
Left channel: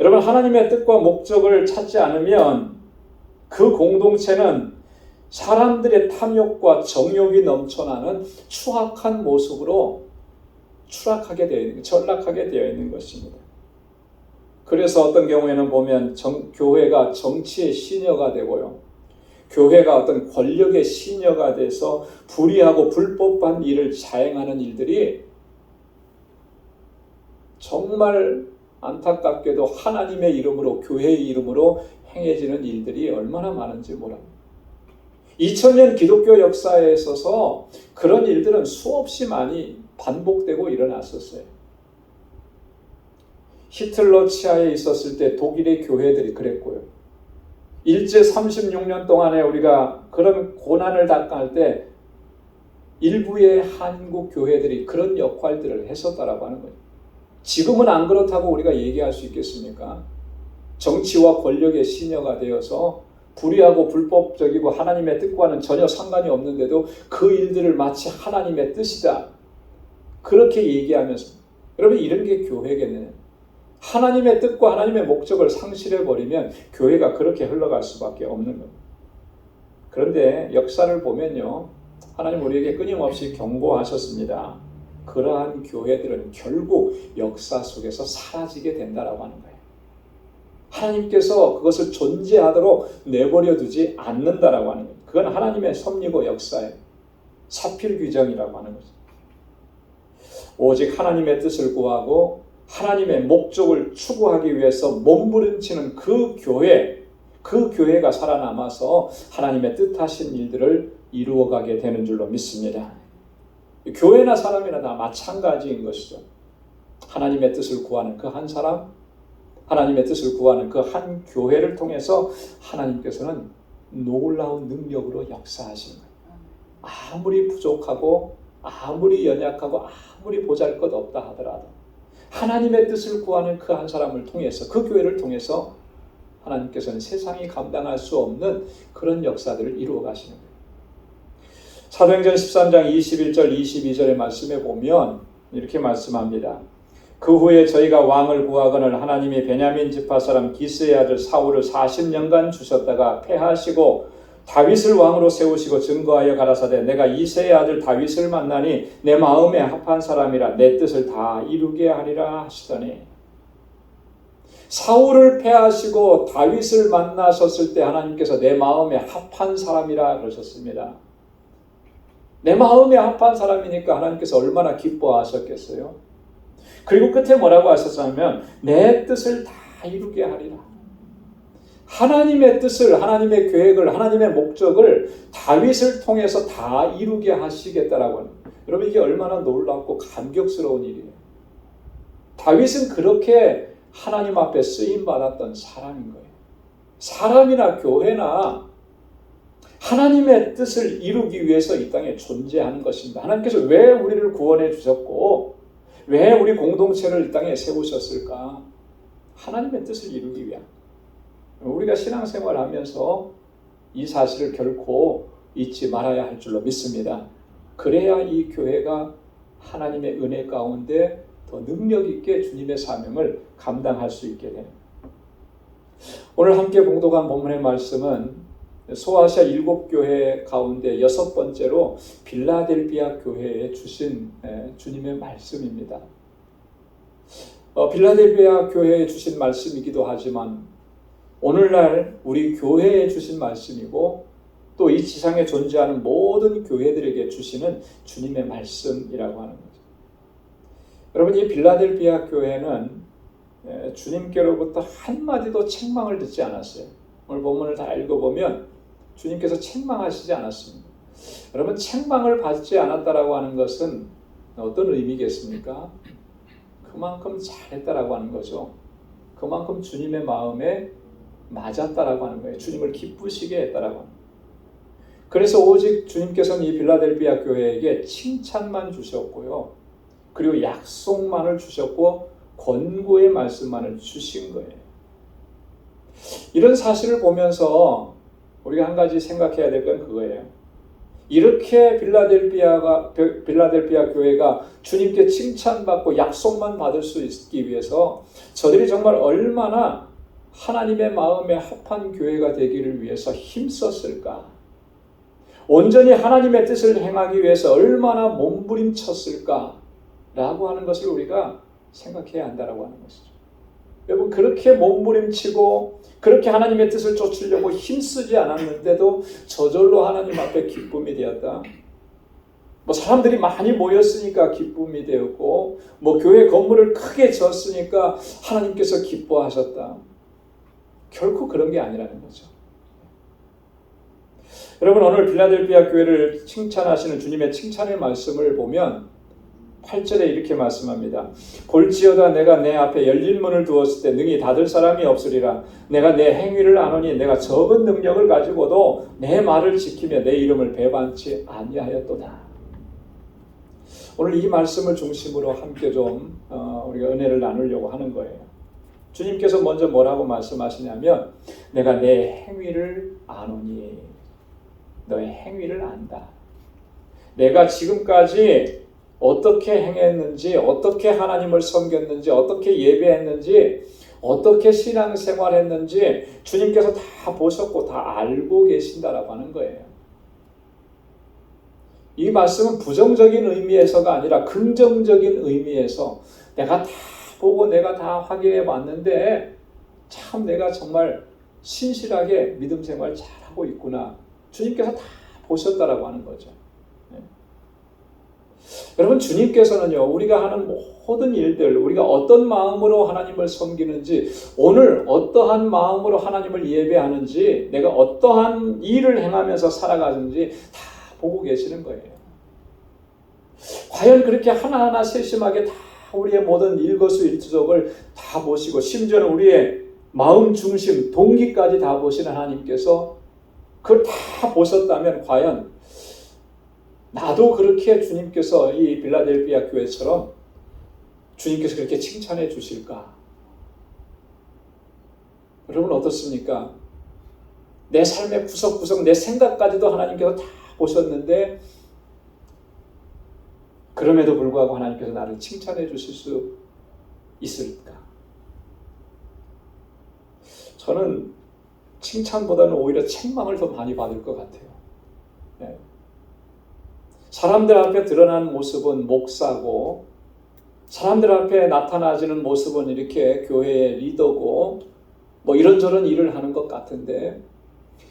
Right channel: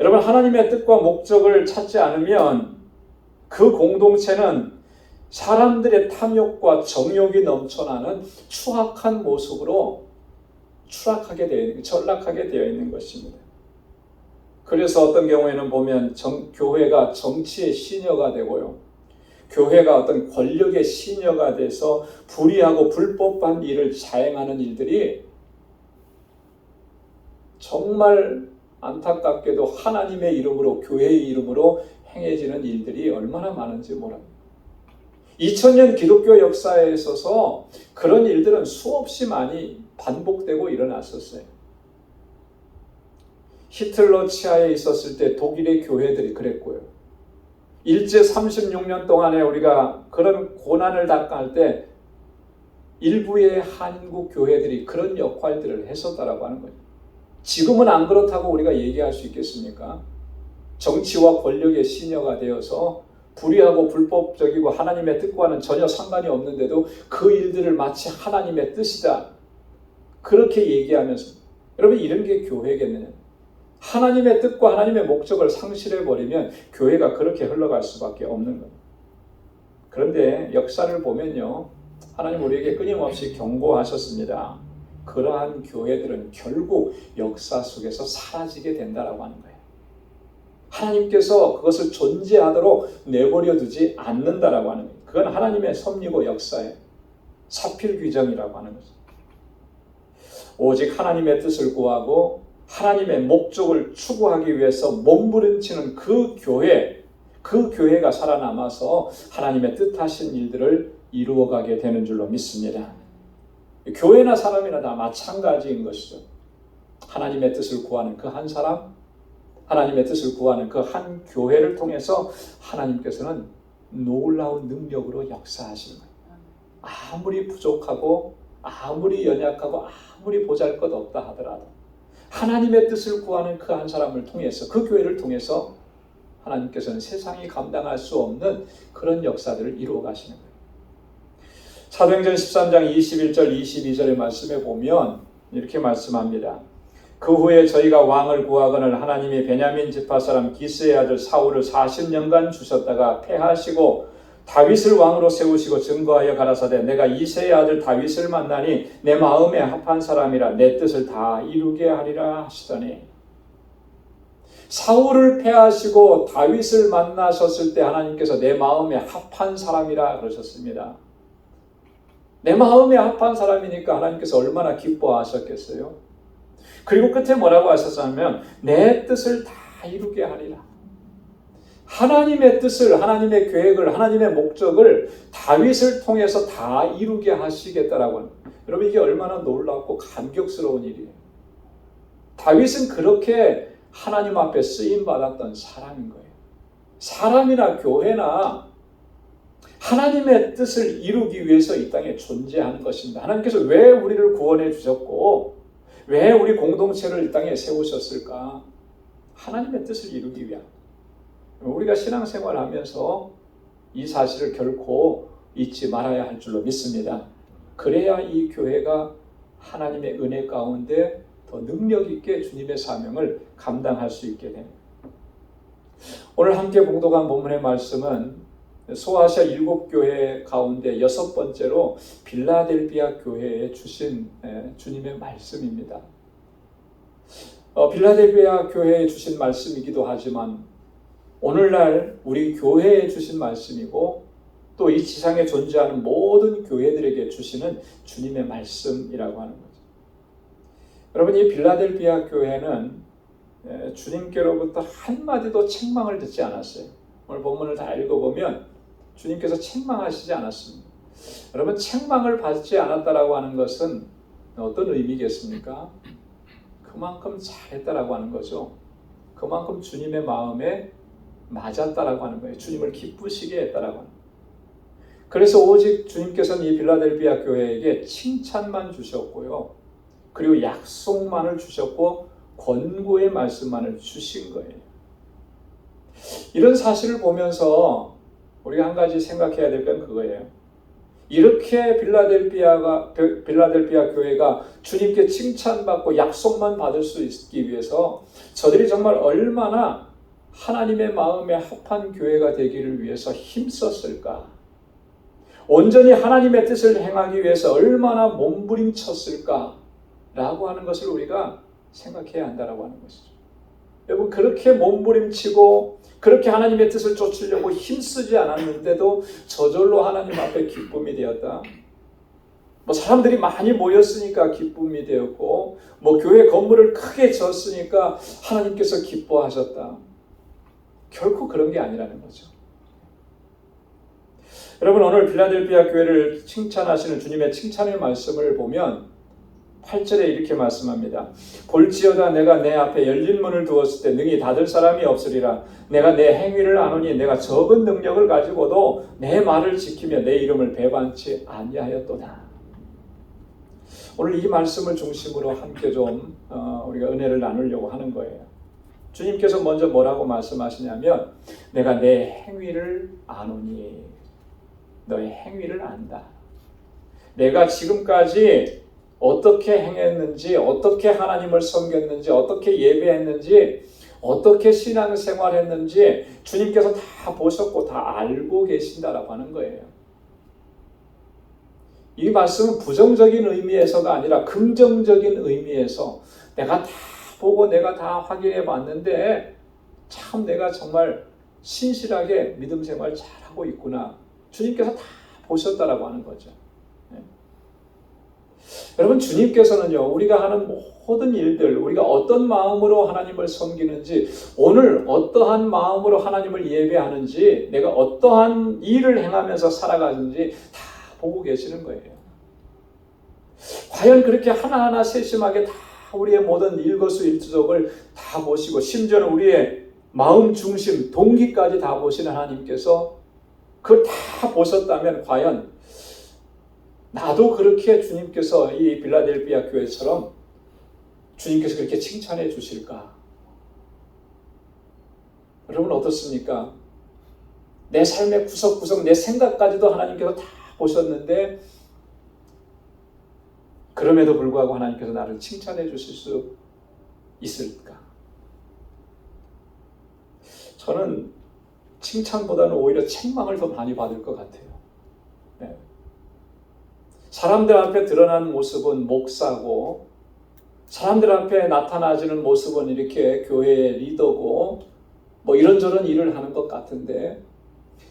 여러분, 하나님의 뜻과 목적을 찾지 않으면 그 공동체는 사람들의 탐욕과 정욕이 넘쳐나는 추악한 모습으로 전락하게 되어 있는 것입니다. 그래서 어떤 경우에는 보면 교회가 정치의 시녀가 되고요. 교회가 어떤 권력의 시녀가 돼서 불의하고 불법한 일을 자행하는 일들이 정말 안타깝게도 하나님의 이름으로, 교회의 이름으로 행해지는 일들이 얼마나 많은지 모릅니다. 2000년 기독교 역사에 있어서 그런 일들은 수없이 많이 반복되고 일어났었어요. 히틀러 치하에 있었을 때 독일의 교회들이 그랬고요. 일제 36년 동안에 우리가 그런 고난을 당할 때 일부의 한국 교회들이 그런 역할들을 했었다라고 하는 거예요. 지금은 안 그렇다고 우리가 얘기할 수 있겠습니까? 정치와 권력의 시녀가 되어서 불의하고 불법적이고 하나님의 뜻과는 전혀 상관이 없는데도 그 일들을 마치 하나님의 뜻이다, 그렇게 얘기하면서, 여러분, 이런 게 교회겠네요. 하나님의 뜻과 하나님의 목적을 상실해버리면 교회가 그렇게 흘러갈 수밖에 없는 겁니다. 그런데 역사를 보면요, 하나님 우리에게 끊임없이 경고하셨습니다. 그러한 교회들은 결국 역사 속에서 사라지게 된다라고 하는 거예요. 하나님께서 그것을 존재하도록 내버려 두지 않는다라고 하는 거예요. 그건 하나님의 섭리고 역사의 사필 규정이라고 하는 거죠. 오직 하나님의 뜻을 구하고 하나님의 목적을 추구하기 위해서 몸부림치는 그 교회가 살아남아서 하나님의 뜻하신 일들을 이루어가게 되는 줄로 믿습니다. 교회나 사람이나 다 마찬가지인 것이죠. 하나님의 뜻을 구하는 그 한 사람, 하나님의 뜻을 구하는 그 한 교회를 통해서 하나님께서는 놀라운 능력으로 역사하십니다. 아무리 부족하고 아무리 연약하고 아무리 보잘것없다 하더라도 하나님의 뜻을 구하는 그 한 사람을 통해서, 그 교회를 통해서 하나님께서는 세상이 감당할 수 없는 그런 역사들을 이루어 가시는 거예요. 사도행전 13장 21절 22절의 말씀에 보면 이렇게 말씀합니다. 그 후에 저희가 왕을 구하거늘 하나님이 베냐민 지파 사람 기스의 아들 사울을 40년간 주셨다가 패하시고 다윗을 왕으로 세우시고 증거하여 가라사대 내가 이새의 아들 다윗을 만나니 내 마음에 합한 사람이라 내 뜻을 다 이루게 하리라 하시더니, 사울을 패하시고 다윗을 만나셨을 때 하나님께서 내 마음에 합한 사람이라 그러셨습니다. 내 마음에 합한 사람이니까 하나님께서 얼마나 기뻐하셨겠어요? 그리고 끝에 뭐라고 하셨냐면 내 뜻을 다 이루게 하리라. 하나님의 뜻을, 하나님의 계획을, 하나님의 목적을 다윗을 통해서 다 이루게 하시겠다라고 하는, 여러분, 이게 얼마나 놀랍고 감격스러운 일이에요. 다윗은 그렇게 하나님 앞에 쓰임받았던 사람인 거예요. 사람이나 교회나 하나님의 뜻을 이루기 위해서 이 땅에 존재하는 것입니다. 하나님께서 왜 우리를 구원해 주셨고 왜 우리 공동체를 이 땅에 세우셨을까? 하나님의 뜻을 이루기 위한. 우리가 신앙생활을 하면서 이 사실을 결코 잊지 말아야 할 줄로 믿습니다. 그래야 이 교회가 하나님의 은혜 가운데 더 능력 있게 주님의 사명을 감당할 수 있게 됩니다. 오늘 함께 봉독한 본문의 말씀은 소아시아 7교회 가운데 6번째로 빌라델비아 교회에 주신 주님의 말씀입니다. 빌라델비아 교회에 주신 말씀이기도 하지만 오늘날 우리 교회에 주신 말씀이고 또 이 지상에 존재하는 모든 교회들에게 주시는 주님의 말씀이라고 하는 거죠. 여러분, 이 빌라델비아 교회는 주님께로부터 한마디도 책망을 듣지 않았어요. 오늘 본문을 다 읽어보면 주님께서 책망하시지 않았습니다. 여러분, 책망을 받지 않았다라고 하는 것은 어떤 의미겠습니까? 그만큼 잘했다라고 하는 거죠. 그만큼 주님의 마음에 맞았다라고 하는 거예요. 주님을 기쁘시게 했다라고 하는 거예요. 그래서 오직 주님께서는 이 빌라델비아 교회에게 칭찬만 주셨고요. 그리고 약속만을 주셨고 권고의 말씀만을 주신 거예요. 이런 사실을 보면서 우리가 한 가지 생각해야 될 건 그거예요. 이렇게 빌라델비아 교회가 주님께 칭찬받고 약속만 받을 수 있기 위해서 저들이 정말 얼마나 하나님의 마음에 합한 교회가 되기를 위해서 힘썼을까? 온전히 하나님의 뜻을 행하기 위해서 얼마나 몸부림쳤을까? 라고 하는 것을 우리가 생각해야 한다라고 하는 것이죠. 여러분, 그렇게 몸부림치고 그렇게 하나님의 뜻을 쫓으려고 힘쓰지 않았는데도 저절로 하나님 앞에 기쁨이 되었다. 사람들이 많이 모였으니까 기쁨이 되었고 교회 건물을 크게 지었으니까 하나님께서 기뻐하셨다. 결코 그런 게 아니라는 거죠. 여러분, 오늘 빌라델비아 교회를 칭찬하시는 주님의 칭찬의 말씀을 보면 8절에 이렇게 말씀합니다. 볼지어다 내가 내 앞에 열린 문을 두었을 때 능히 닫을 사람이 없으리라. 내가 내 행위를 아노니 내가 적은 능력을 가지고도 내 말을 지키며 내 이름을 배반치 아니하였도다. 오늘 이 말씀을 중심으로 함께 좀 우리가 은혜를 나누려고 하는 거예요. 주님께서 먼저 뭐라고 말씀하시냐면 내가 내 행위를 아노니 너의 행위를 안다. 내가 지금까지 어떻게 행했는지, 어떻게 하나님을 섬겼는지, 어떻게 예배했는지, 어떻게 신앙생활했는지 주님께서 다 보셨고 다 알고 계신다라고 하는 거예요. 이 말씀은 부정적인 의미에서가 아니라 긍정적인 의미에서 내가 다 보고 내가 다 확인해 봤는데 참 내가 정말 신실하게 믿음 생활 잘하고 있구나. 주님께서 다 보셨다라고 하는 거죠. 여러분, 주님께서는요, 우리가 하는 모든 일들, 우리가 어떤 마음으로 하나님을 섬기는지, 오늘 어떠한 마음으로 하나님을 예배하는지, 내가 어떠한 일을 행하면서 살아가는지 다 보고 계시는 거예요. 과연 그렇게 하나하나 세심하게 다 우리의 모든 일거수일투족을 다 보시고 심지어는 우리의 마음 중심, 동기까지 다 보시는 하나님께서 그걸 다 보셨다면 과연 나도 그렇게 주님께서 이 빌라델비아 교회처럼 주님께서 그렇게 칭찬해 주실까? 여러분 어떻습니까? 내 삶의 구석구석 내 생각까지도 하나님께서 다 보셨는데 그럼에도 불구하고 하나님께서 나를 칭찬해 주실 수 있을까? 저는 칭찬보다는 오히려 책망을 더 많이 받을 것 같아요. 네. 사람들 앞에 드러나는 모습은 목사고 사람들 앞에 나타나지는 모습은 이렇게 교회의 리더고 이런저런 일을 하는 것 같은데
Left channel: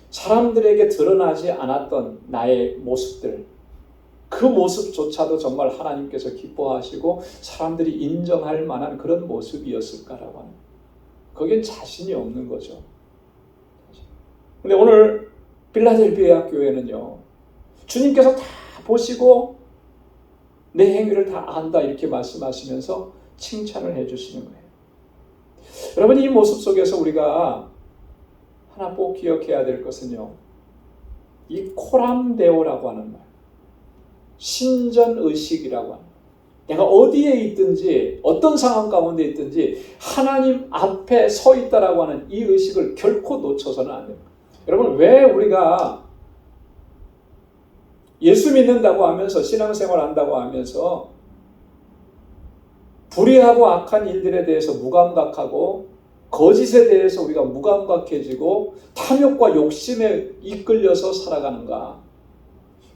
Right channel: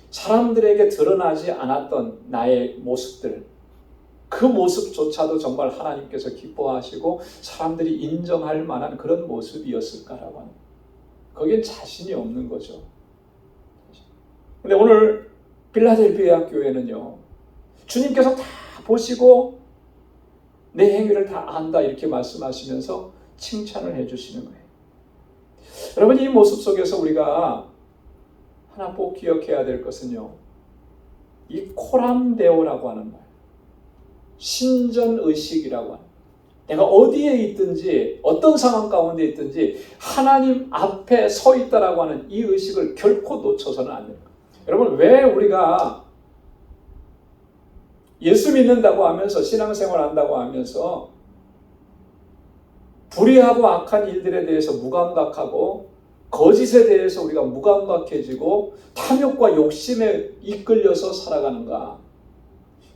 사람들에게 드러나지 않았던 나의 모습들 그 모습조차도 정말 하나님께서 기뻐하시고 사람들이 인정할 만한 그런 모습이었을까라고 하는 거긴 자신이 없는 거죠. 근데 오늘 빌라델비아 교회는요 주님께서 다 보시고 내 행위를 다 안다 이렇게 말씀하시면서 칭찬을 해주시는 거예요. 여러분, 이 모습 속에서 우리가 하나 꼭 기억해야 될 것은요, 이 코람데오라고 하는 말, 신전의식이라고 하는 말, 내가 어디에 있든지 어떤 상황 가운데 있든지 하나님 앞에 서 있다라고 하는 이 의식을 결코 놓쳐서는 안 됩니다. 여러분, 왜 우리가 예수 믿는다고 하면서 신앙생활 한다고 하면서 불의하고 악한 일들에 대해서 무감각하고 거짓에 대해서 우리가 무감각해지고 탐욕과 욕심에 이끌려서 살아가는가?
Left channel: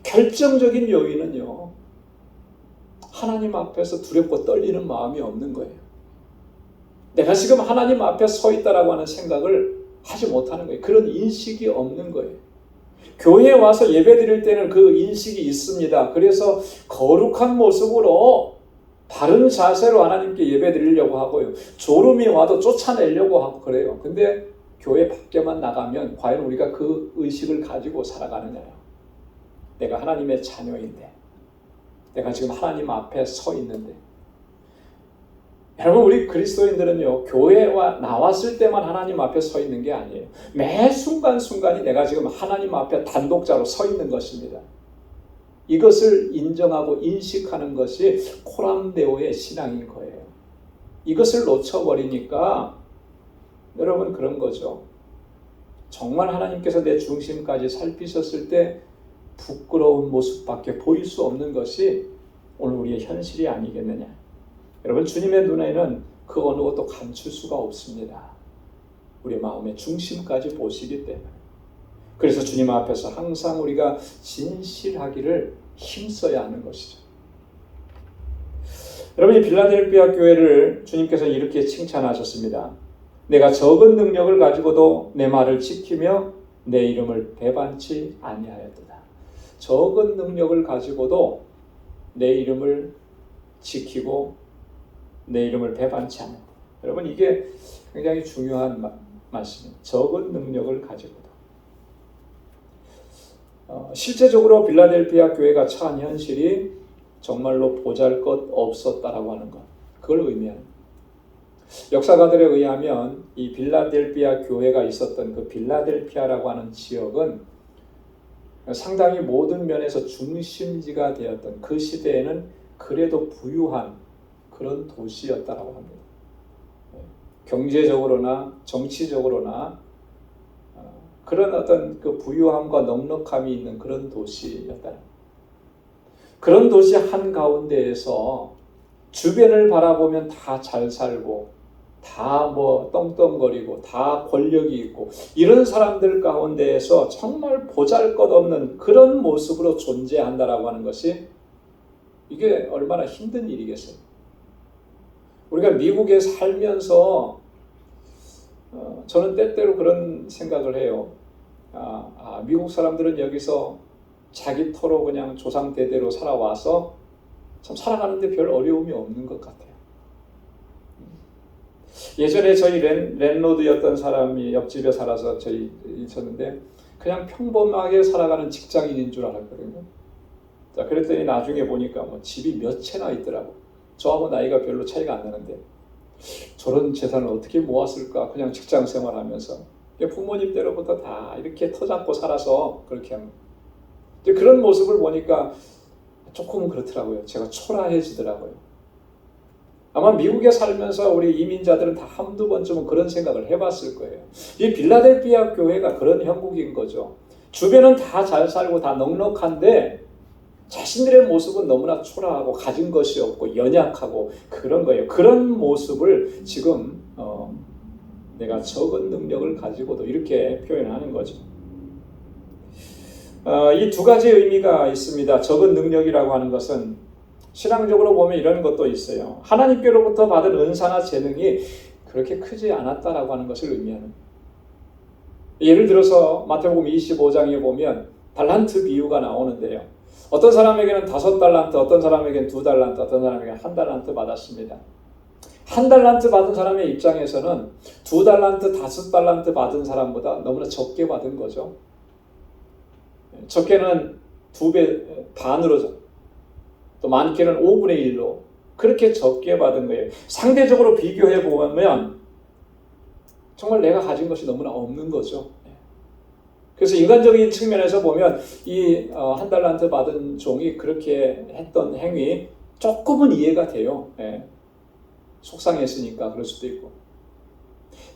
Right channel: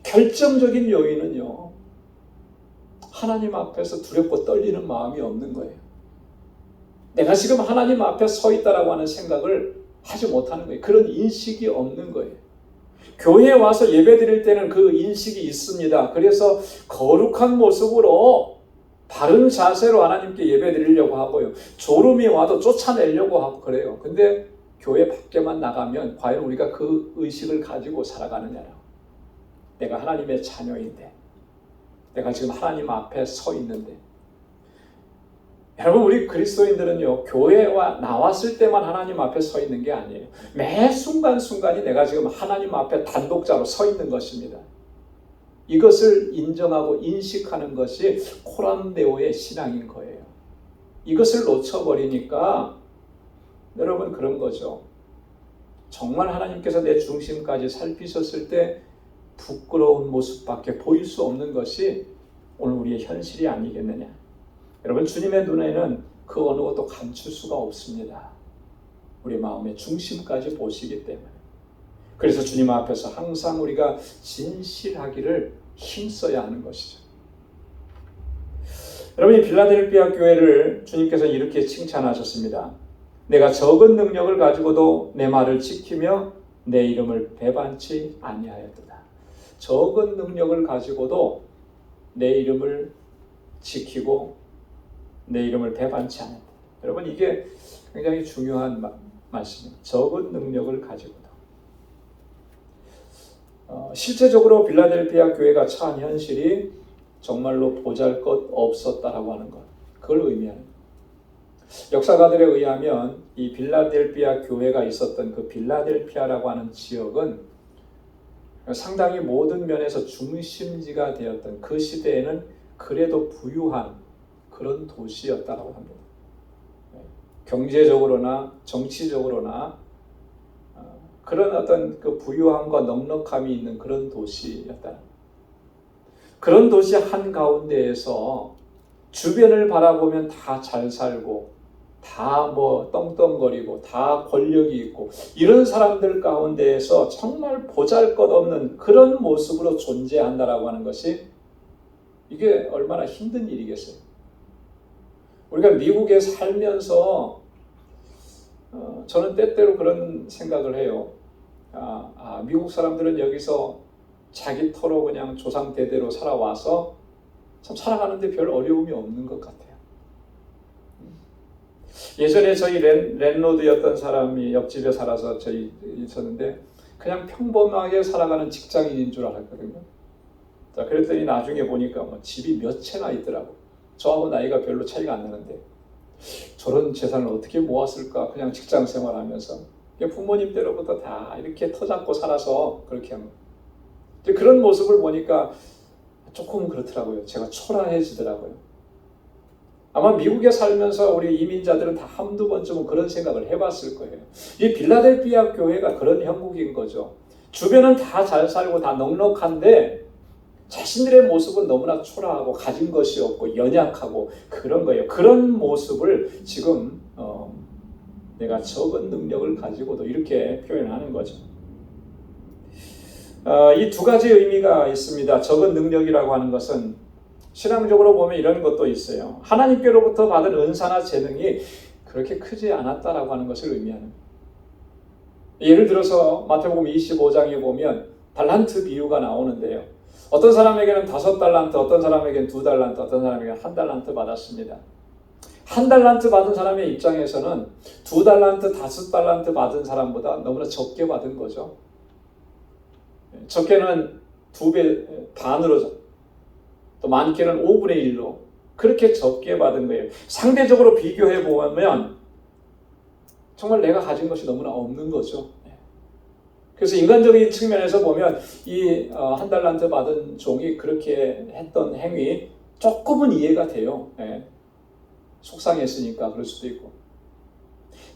결정적인 요인은요, 하나님 앞에서 두렵고 떨리는 마음이 없는 거예요. 내가 지금 하나님 앞에 서 있다라고 하는 생각을 하지 못하는 거예요. 그런 인식이 없는 거예요. 교회에 와서 예배 드릴 때는 그 인식이 있습니다. 그래서 거룩한 모습으로 바른 자세로 하나님께 예배 드리려고 하고요. 졸음이 와도 쫓아내려고 하고 그래요. 근데 교회 밖에만 나가면 과연 우리가 그 의식을 가지고 살아가느냐. 내가 하나님의 자녀인데, 내가 지금 하나님 앞에 서 있는데. 여러분, 우리 그리스도인들은요, 교회와 나왔을 때만 하나님 앞에 서 있는 게 아니에요. 매 순간순간이 내가 지금 하나님 앞에 단독자로 서 있는 것입니다. 이것을 인정하고 인식하는 것이 코람데오의 신앙인 거예요. 이것을 놓쳐버리니까 여러분, 그런 거죠. 정말 하나님께서 내 중심까지 살피셨을 때 부끄러운 모습밖에 보일 수 없는 것이 오늘 우리의 현실이 아니겠느냐. 여러분, 주님의 눈에는 그 어느 것도 감출 수가 없습니다. 우리의 마음의 중심까지 보시기 때문에. 그래서 주님 앞에서 항상 우리가 진실하기를 힘써야 하는 것이죠. 여러분, 이 빌라델피아 교회를 주님께서 이렇게 칭찬하셨습니다. 내가 적은 능력을 가지고도 내 말을 지키며 내 이름을 배반치 아니하였도다. 적은 능력을 가지고도 내 이름을 지키고 내 이름을 배반치 않는다. 여러분, 이게 굉장히 중요한 말씀입니다. 적은 능력을 가지고도. 실제적으로 빌라델피아 교회가 처한 현실이 정말로 보잘것 없었다라고 하는 것, 그걸 의미합니다. 역사가들에 의하면 이 빌라델피아 교회가 있었던 그 빌라델피아라고 하는 지역은 상당히 모든 면에서 중심지가 되었던, 그 시대에는 그래도 부유한 그런 도시였다라고 합니다. 경제적으로나 정치적으로나 그런 어떤 그 부유함과 넉넉함이 있는 그런 도시였다. 그런 도시 한가운데에서 주변을 바라보면 다 잘 살고 다 뭐 떵떵거리고 다 권력이 있고 이런 사람들 가운데에서 정말 보잘것없는 그런 모습으로 존재한다라고 하는 것이 이게 얼마나 힘든 일이겠어요. 우리가 미국에 살면서 저는 때때로 그런 생각을 해요. 미국 사람들은 여기서 자기 터로 그냥 조상 대대로 살아와서 참 살아가는데 별 어려움이 없는 것 같아요. 예전에 저희 랜로드였던 사람이 옆집에 살아서 저희 있었는데 그냥 평범하게 살아가는 직장인인 줄 알았거든요. 자, 그랬더니 나중에 보니까 뭐 집이 몇 채나 있더라고. 저하고 나이가 별로 차이가 안 나는데 저런 재산을 어떻게 모았을까? 그냥 직장 생활하면서 부모님 때로부터 다 이렇게 터잡고 살아서 그렇게 합니다. 그런 모습을 보니까 조금은 그렇더라고요. 제가 초라해지더라고요. 아마 미국에 살면서 우리 이민자들은 다 한두 번쯤은 그런 생각을 해봤을 거예요. 이 빌라델피아 교회가 그런 형국인 거죠. 주변은 다 잘 살고 다 넉넉한데 자신들의 모습은 너무나 초라하고 가진 것이 없고 연약하고 그런 거예요. 그런 모습을 지금 내가 적은 능력을 가지고도 이렇게 표현하는 거죠. 이 두 가지 의미가 있습니다. 적은 능력이라고 하는 것은 신앙적으로 보면 이런 것도 있어요. 하나님께로부터 받은 은사나 재능이 그렇게 크지 않았다라고 하는 것을 의미하는 거예요. 예를 들어서 마태복음 25장에 보면 달란트 비유가 나오는데요. 어떤 사람에게는 5달란트, 어떤 사람에게는 2달란트, 어떤 사람에게는 1달란트 받았습니다. 1달란트 받은 사람의 입장에서는 2달란트, 5달란트 받은 사람보다 너무나 적게 받은 거죠. 적게는 2배 반으로, 또 많게는 5분의 1로 그렇게 적게 받은 거예요. 상대적으로 비교해 보면 정말 내가 가진 것이 너무나 없는 거죠. 그래서 인간적인 측면에서 보면 이 한 달란트 받은 종이 그렇게 했던 행위 조금은 이해가 돼요. 속상했으니까 그럴 수도 있고.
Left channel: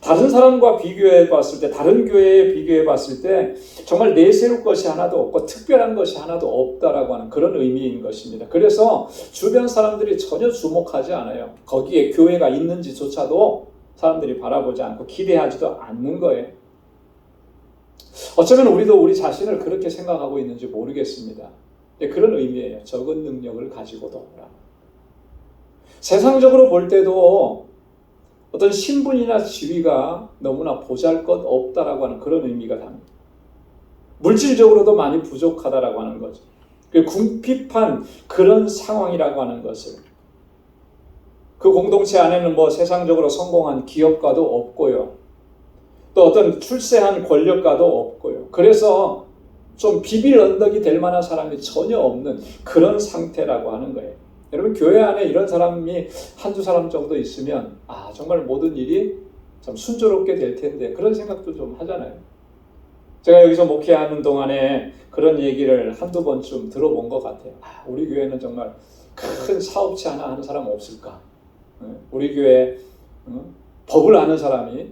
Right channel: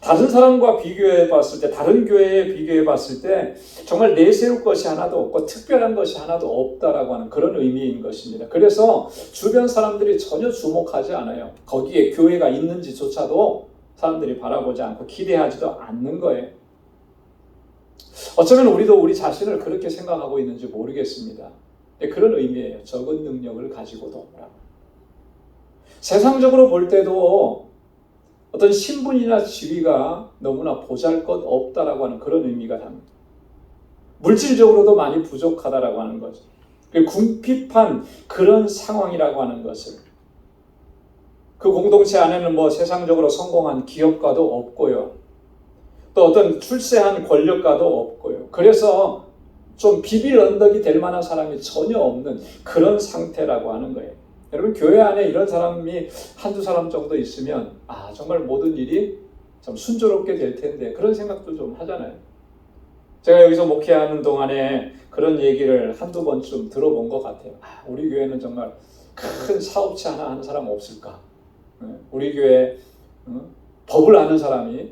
다른 사람과 비교해 봤을 때, 다른 교회에 비교해 봤을 때 정말 내세울 것이 하나도 없고 특별한 것이 하나도 없다라고 하는 그런 의미인 것입니다. 그래서 주변 사람들이 전혀 주목하지 않아요. 거기에 교회가 있는지조차도 사람들이 바라보지 않고 기대하지도 않는 거예요. 어쩌면 우리도 우리 자신을 그렇게 생각하고 있는지 모르겠습니다. 그런 의미예요. 적은 능력을 가지고도. 세상적으로 볼 때도 어떤 신분이나 지위가 너무나 보잘것없다라고 하는 그런 의미가 답니다. 물질적으로도 많이 부족하다라고 하는 거죠. 궁핍한 그런 상황이라고 하는 것을, 그 공동체 안에는 뭐 세상적으로 성공한 기업가도 없고요, 또 어떤 출세한 권력가도 없고요. 그래서 좀 비빌 언덕이 될 만한 사람이 전혀 없는 그런 상태라고 하는 거예요. 여러분, 교회 안에 이런 사람이 한두 사람 정도 있으면 정말 모든 일이 참 순조롭게 될 텐데, 그런 생각도 좀 하잖아요. 제가 여기서 목회하는 동안에 그런 얘기를 한두 번쯤 들어본 것 같아요. 우리 교회는 정말 큰 사업체 하나 하는 사람 없을까? 우리 교회에 법을 아는 사람이,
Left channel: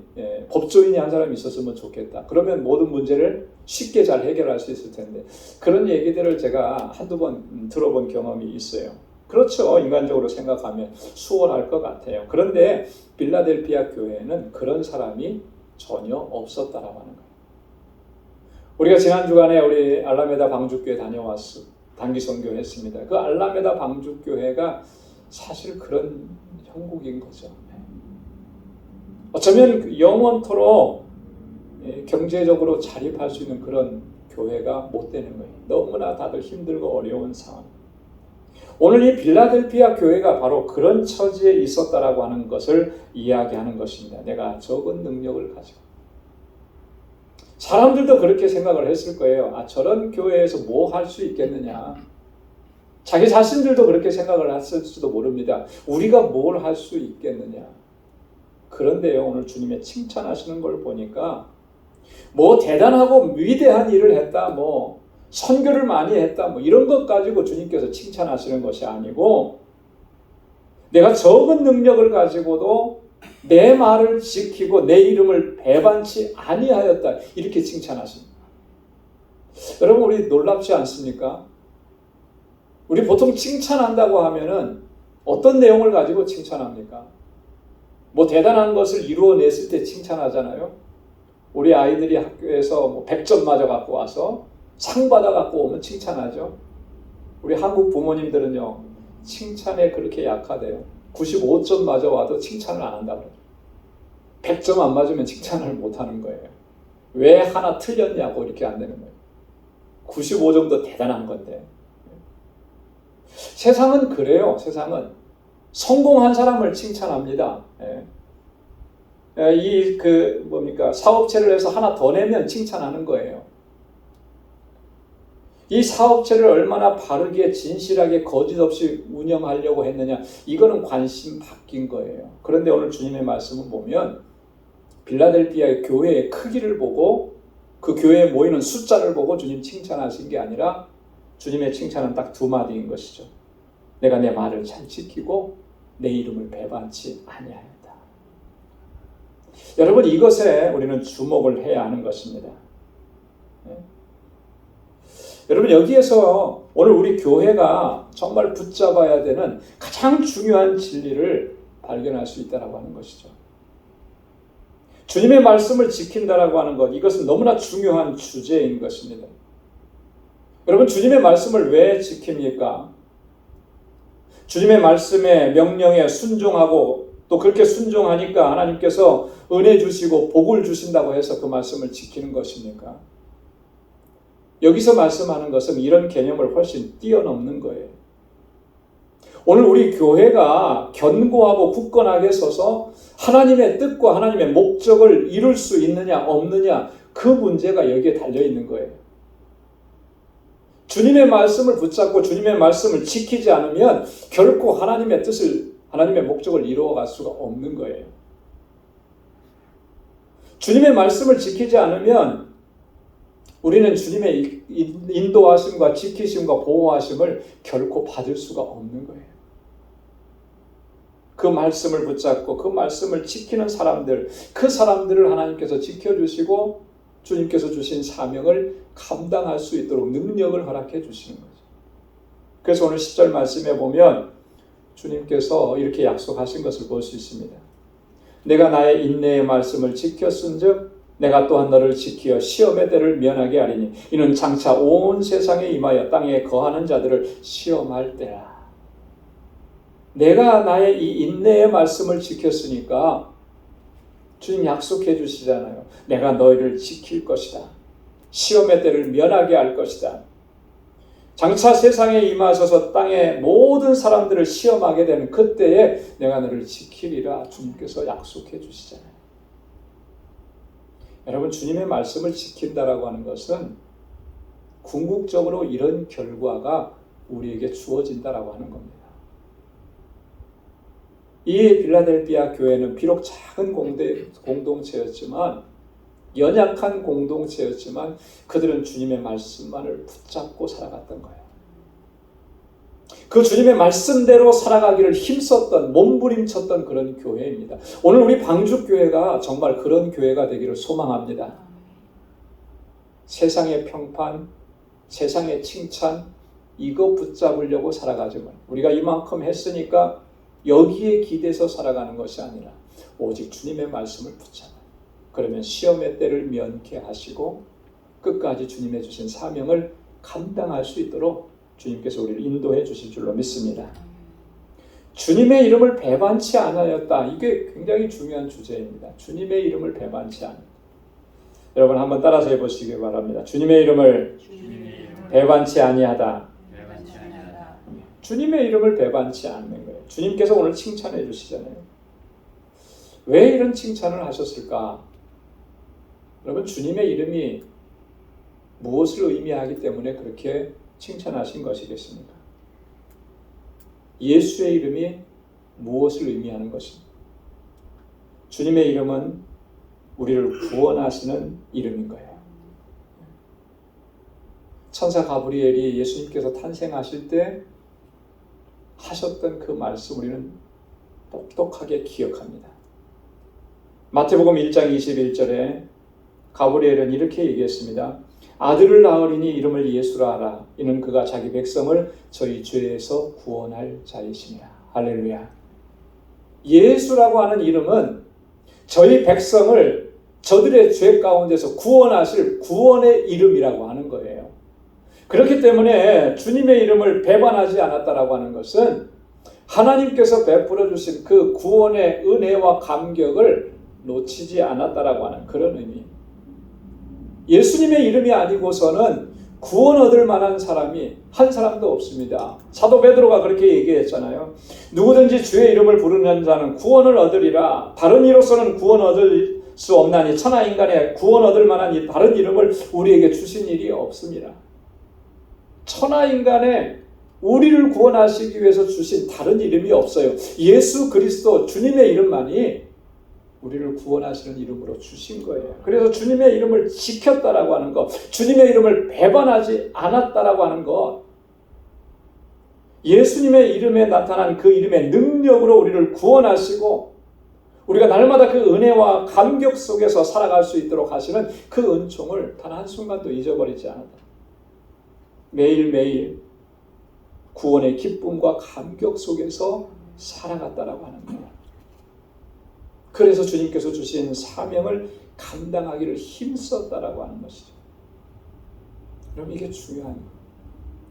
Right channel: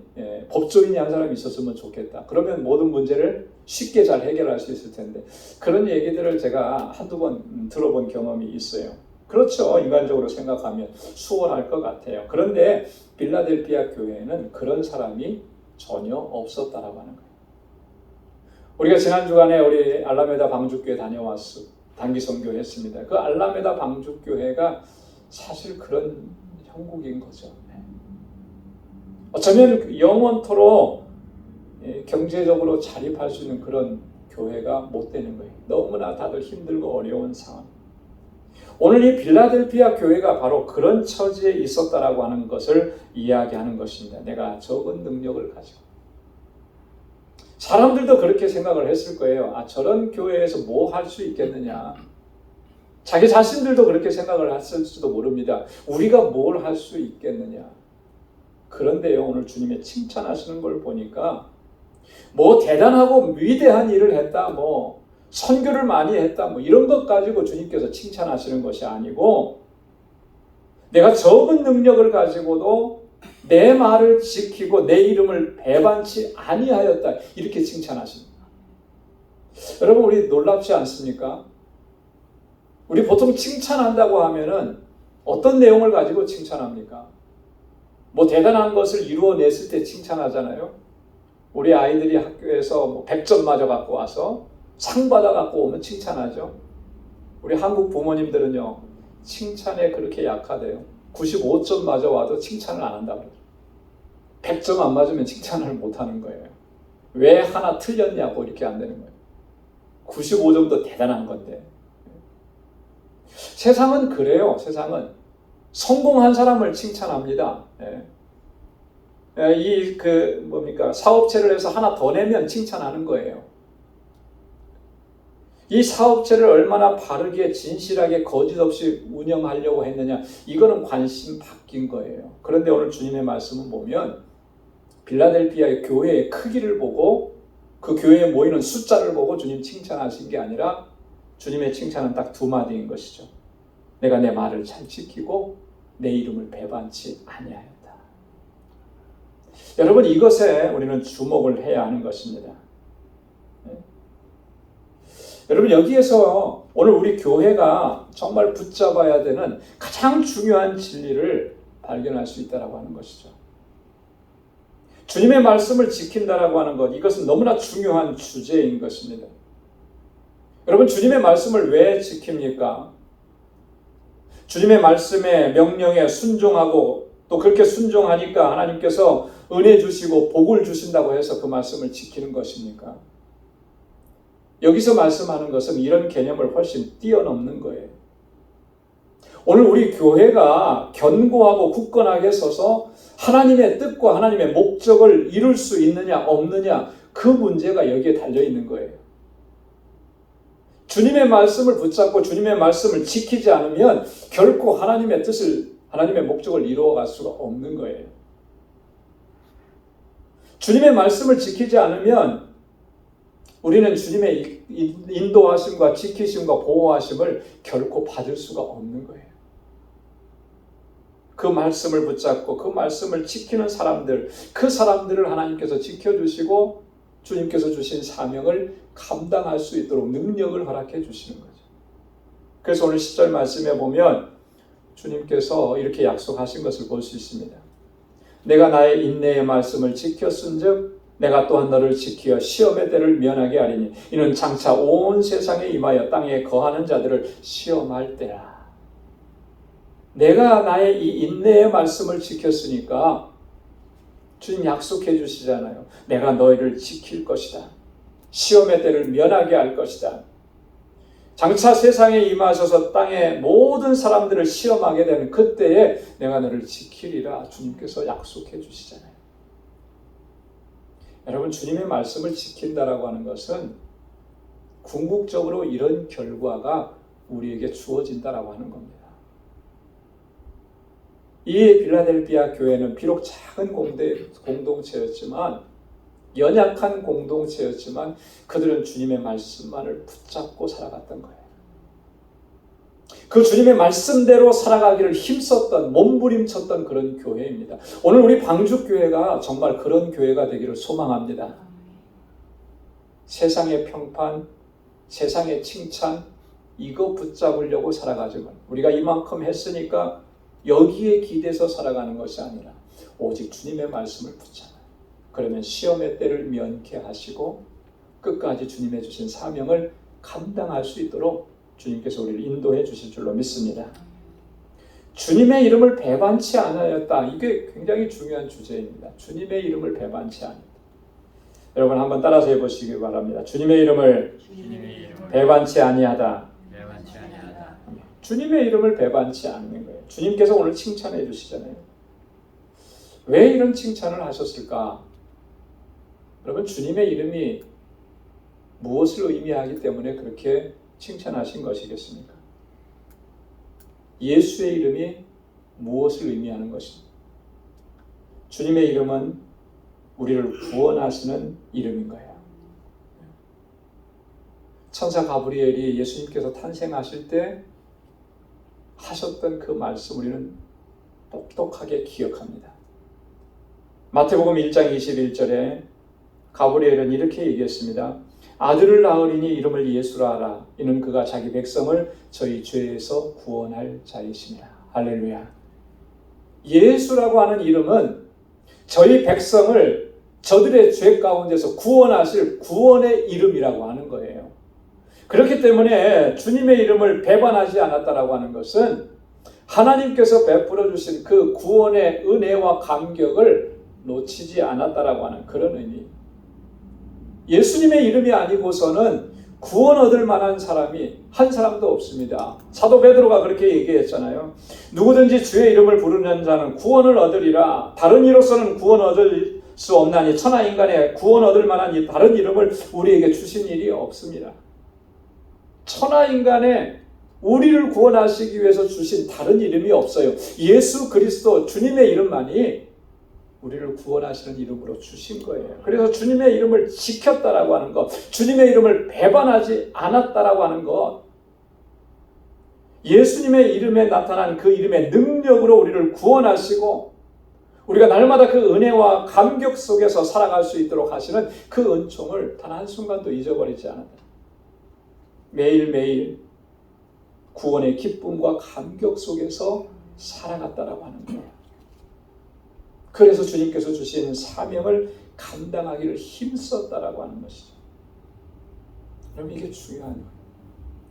법조인이 한 사람이 있었으면 좋겠다. 그러면 모든 문제를 쉽게 잘 해결할 수 있을 텐데, 그런 얘기들을 제가 한두 번 들어본 경험이 있어요. 그렇죠. 인간적으로 생각하면 수월할 것 같아요. 그런데 빌라델피아 교회에는 그런 사람이 전혀 없었다라고 하는 거예요. 우리가 지난 주간에 우리 알라메다 방주교회 다녀왔어. 단기 선교했습니다. 그 알라메다 방주교회가 사실 그런 형국인 거죠. 어쩌면 영원토록 경제적으로 자립할 수 있는 그런 교회가 못 되는 거예요. 너무나 다들 힘들고 어려운 상황. 오늘 이 빌라델피아 교회가 바로 그런 처지에 있었다라고 하는 것을 이야기하는 것입니다. 내가 적은 능력을 가지고. 사람들도 그렇게 생각을 했을 거예요. 저런 교회에서 뭐 할 수 있겠느냐. 자기 자신들도 그렇게 생각을 했을지도 모릅니다. 우리가 뭘 할 수 있겠느냐. 그런데요, 오늘 주님의 칭찬하시는 걸 보니까 뭐 대단하고 위대한 일을 했다, 뭐 선교를 많이 했다, 뭐 이런 것 가지고 주님께서 칭찬하시는 것이 아니고, 내가 적은 능력을 가지고도 내 말을 지키고 내 이름을 배반치 아니하였다, 이렇게 칭찬하십니다. 여러분, 우리 놀랍지 않습니까? 우리 보통 칭찬한다고 하면은 어떤 내용을 가지고 칭찬합니까? 뭐 대단한 것을 이루어냈을 때 칭찬하잖아요. 우리 아이들이 학교에서 뭐 100점 맞아 갖고 와서 상 받아 갖고 오면 칭찬하죠. 우리 한국 부모님들은요, 칭찬에 그렇게 약하대요. 95점 맞아 와도 칭찬을 안 한다고 그래요. 100점 안 맞으면 칭찬을 못 하는 거예요. 왜 하나 틀렸냐고 이렇게 안 되는 거예요. 95점도 대단한 건데. 세상은 그래요. 세상은 성공한 사람을 칭찬합니다. 사업체를 해서 하나 더 내면 칭찬하는 거예요. 이 사업체를 얼마나 바르게 진실하게 거짓 없이 운영하려고 했느냐, 이거는 관심 바뀐 거예요. 그런데 오늘 주님의 말씀을 보면 빌라델피아의 교회의 크기를 보고 그 교회에 모이는 숫자를 보고 주님 칭찬하신 게 아니라, 주님의 칭찬은 딱 두 마디인 것이죠. 내가 내 말을 잘 지키고 내 이름을 배반치 아니하였다. 여러분, 이것에 우리는 주목을 해야 하는 것입니다. 여러분, 여기에서 오늘 우리 교회가 정말 붙잡아야 되는 가장 중요한 진리를 발견할 수 있다고 하는 것이죠. 주님의 말씀을 지킨다라고 하는 것, 이것은 너무나 중요한 주제인 것입니다. 여러분, 주님의 말씀을 왜 지킵니까? 주님의 말씀에 명령에 순종하고 또 그렇게 순종하니까 하나님께서 은혜 주시고 복을 주신다고 해서 그 말씀을 지키는 것입니까? 여기서 말씀하는 것은 이런 개념을 훨씬 뛰어넘는 거예요. 오늘 우리 교회가 견고하고 굳건하게 서서 하나님의 뜻과 하나님의 목적을 이룰 수 있느냐 없느냐, 그 문제가 여기에 달려 있는 거예요. 주님의 말씀을 붙잡고 주님의 말씀을 지키지 않으면 결코 하나님의 뜻을, 하나님의 목적을 이루어갈 수가 없는 거예요. 주님의 말씀을 지키지 않으면 우리는 주님의 인도하심과 지키심과 보호하심을 결코 받을 수가 없는 거예요. 그 말씀을 붙잡고 그 말씀을 지키는 사람들, 그 사람들을 하나님께서 지켜주시고 주님께서 주신 사명을 감당할 수 있도록 능력을 허락해 주시는 거죠. 그래서 오늘 10절 말씀에 보면 주님께서 이렇게 약속하신 것을 볼 수 있습니다. 내가 나의 인내의 말씀을 지켰은즉 내가 또한 너를 지키어 시험의 때를 면하게 하리니 이는 장차 온 세상에 임하여 땅에 거하는 자들을 시험할 때라. 내가 나의 이 인내의 말씀을 지켰으니까 주님 약속해 주시잖아요. 내가 너희를 지킬 것이다. 시험의 때를 면하게 할 것이다. 장차 세상에 임하셔서 땅의 모든 사람들을 시험하게 되는 그때에 내가 너를 지키리라 주님께서 약속해 주시잖아요. 여러분, 주님의 말씀을 지킨다라고 하는 것은 궁극적으로 이런 결과가 우리에게 주어진다라고 하는 겁니다. 이 빌라델피아 교회는 비록 작은 공동체였지만, 연약한 공동체였지만 그들은 주님의 말씀만을 붙잡고 살아갔던 거예요. 그 주님의 말씀대로 살아가기를 힘썼던, 몸부림쳤던 그런 교회입니다. 오늘 우리 방주교회가 정말 그런 교회가 되기를 소망합니다. 세상의 평판, 세상의 칭찬, 이거 붙잡으려고 살아가지만 우리가 이만큼 했으니까 여기에 기대서 살아가는 것이 아니라 오직 주님의 말씀을 붙잡아. 그러면 시험의 때를 면케하시고 끝까지 주님의 주신 사명을 감당할 수 있도록 주님께서 우리를 인도해 주실 줄로 믿습니다. 주님의 이름을 배반치 않았다. 이게 굉장히 중요한 주제입니다. 주님의 이름을 배반치 않았다. 여러분 한번 따라서 해보시기 바랍니다. 주님의 이름을 배반치 아니하다. 주님의 이름을 배반치 않는 거예요. 주님께서 오늘 칭찬해 주시잖아요. 왜 이런 칭찬을 하셨을까? 여러분, 주님의 이름이 무엇을 의미하기 때문에 그렇게 칭찬하신 것이겠습니까? 예수의 이름이 무엇을 의미하는 것입니까? 주님의 이름은 우리를 구원하시는 이름인 거예요. 천사 가브리엘이 예수님께서 탄생하실 때 하셨던 그 말씀 우리는 똑똑하게 기억합니다. 마태복음 1장 21절에 가브리엘은 이렇게 얘기했습니다. 아들을 낳으리니 이름을 예수라 하라. 이는 그가 자기 백성을 저희 죄에서 구원할 자이시니라. 할렐루야. 예수라고 하는 이름은 저희 백성을 저들의 죄 가운데서 구원하실 구원의 이름이라고 하는 거예요. 그렇기 때문에 주님의 이름을 배반하지 않았다라고 하는 것은 하나님께서 베풀어 주신 그 구원의 은혜와 감격을 놓치지 않았다라고 하는 그런 의미. 예수님의 이름이 아니고서는 구원 얻을 만한 사람이 한 사람도 없습니다. 사도 베드로가 그렇게 얘기했잖아요. 누구든지 주의 이름을 부르는 자는 구원을 얻으리라. 다른 이로서는 구원 얻을 수 없나니 천하 인간의 구원 얻을 만한 이 다른 이름을 우리에게 주신 일이 없습니다. 천하 인간의 우리를 구원하시기 위해서 주신 다른 이름이 없어요. 예수 그리스도 주님의 이름만이 우리를 구원하시는 이름으로 주신 거예요. 그래서 주님의 이름을 지켰다라고 하는 것, 주님의 이름을 배반하지 않았다라고 하는 것, 예수님의 이름에 나타난 그 이름의 능력으로 우리를 구원하시고 우리가 날마다 그 은혜와 감격 속에서 살아갈 수 있도록 하시는 그 은총을 단 한순간도 잊어버리지 않았다. 매일매일 구원의 기쁨과 감격 속에서 살아갔다라고 하는 거예요. 그래서 주님께서 주신 사명을 감당하기를 힘썼다라고 하는 것이죠. 그럼 이게 중요한 거예요.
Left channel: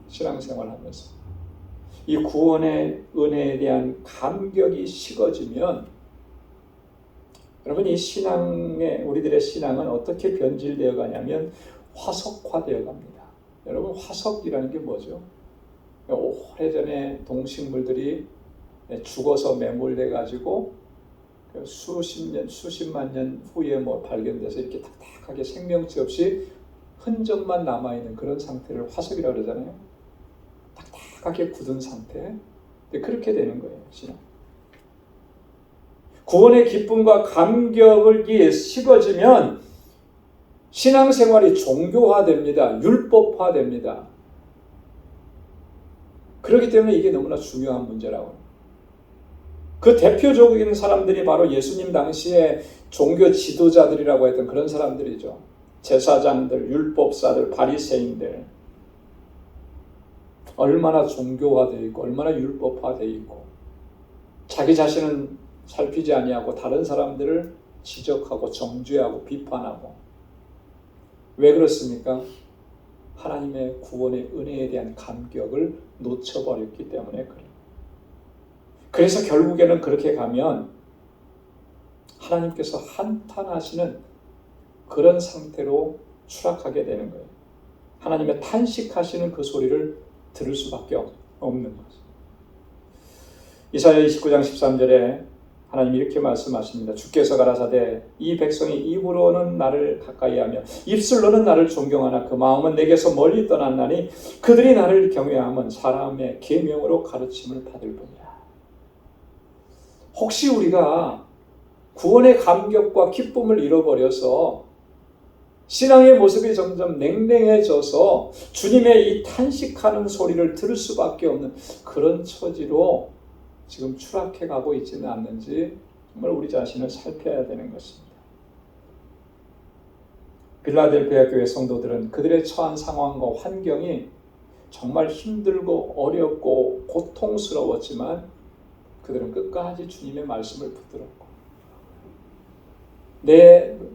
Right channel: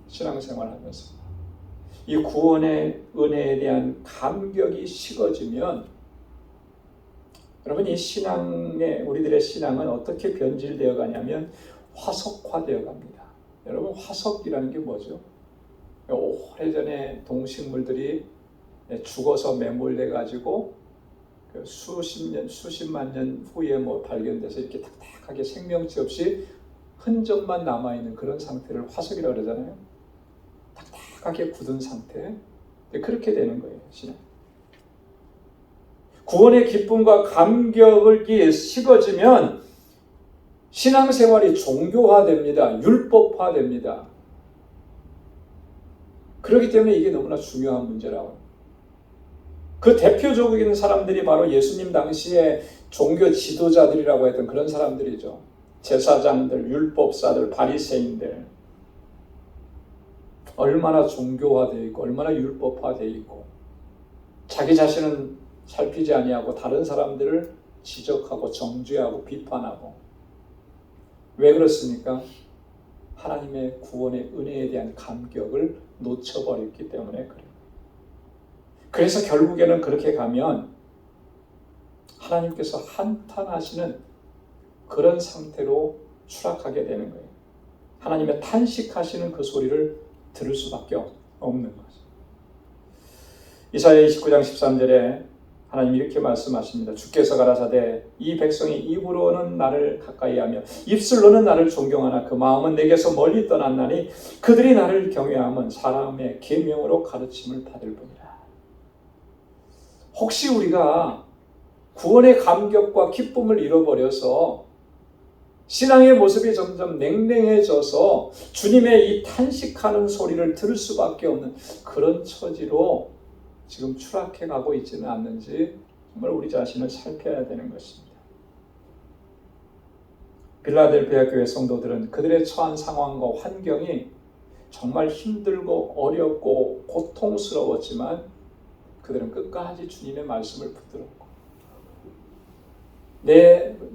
신앙생활하면서 이 구원의 은혜에 대한 감격이 식어지면 여러분 이 신앙의 우리들의 신앙은 어떻게 변질되어 가냐면 화석화되어 갑니다. 여러분 화석이라는 게 뭐죠? 오래전에 동식물들이 죽어서 매몰돼 가지고 수십 년, 수십만 년 후에 발견돼서 이렇게 탁탁하게 생명체 없이 흔적만 남아있는 그런 상태를 화석이라고 그러잖아요. 딱딱하게 굳은 상태. 그렇게 되는 거예요, 신앙. 구원의 기쁨과 감격이 식어지면 신앙생활이 종교화됩니다. 율법화됩니다. 그렇기 때문에 이게 너무나 중요한 문제라고. 그 대표적인 사람들이 바로 예수님 당시에 종교 지도자들이라고 했던 그런 사람들이죠. 제사장들, 율법사들, 바리새인들. 얼마나 종교화되어 있고 얼마나 율법화되어 있고 자기 자신은 살피지 아니하고 다른 사람들을 지적하고 정죄하고 비판하고. 왜 그렇습니까? 하나님의 구원의 은혜에 대한 감격을 놓쳐버렸기 때문에 그래요. 그래서 결국에는 그렇게 가면 하나님께서 한탄하시는 그런 상태로 추락하게 되는 거예요. 하나님의 탄식하시는 그 소리를 들을 수밖에 없는 거죠. 이사야 29장 13절에 하나님이 이렇게 말씀하십니다. 주께서 가라사대 이 백성이 입으로는 나를 가까이하며 입술로는 나를 존경하나 그 마음은 내게서 멀리 떠났나니 그들이 나를 경외함은 사람의 계명으로 가르침을 받을 뿐이라. 혹시 우리가 구원의 감격과 기쁨을 잃어버려서 신앙의 모습이 점점 냉랭해져서 주님의 이 탄식하는 소리를 들을 수밖에 없는 그런 처지로 지금 추락해가고 있지는 않는지 정말 우리 자신을 살펴야 되는 것입니다. 빌라델피아 교회 성도들은 그들의 처한 상황과 환경이 정말 힘들고 어렵고 고통스러웠지만 그들은 끝까지 주님의 말씀을 붙들었고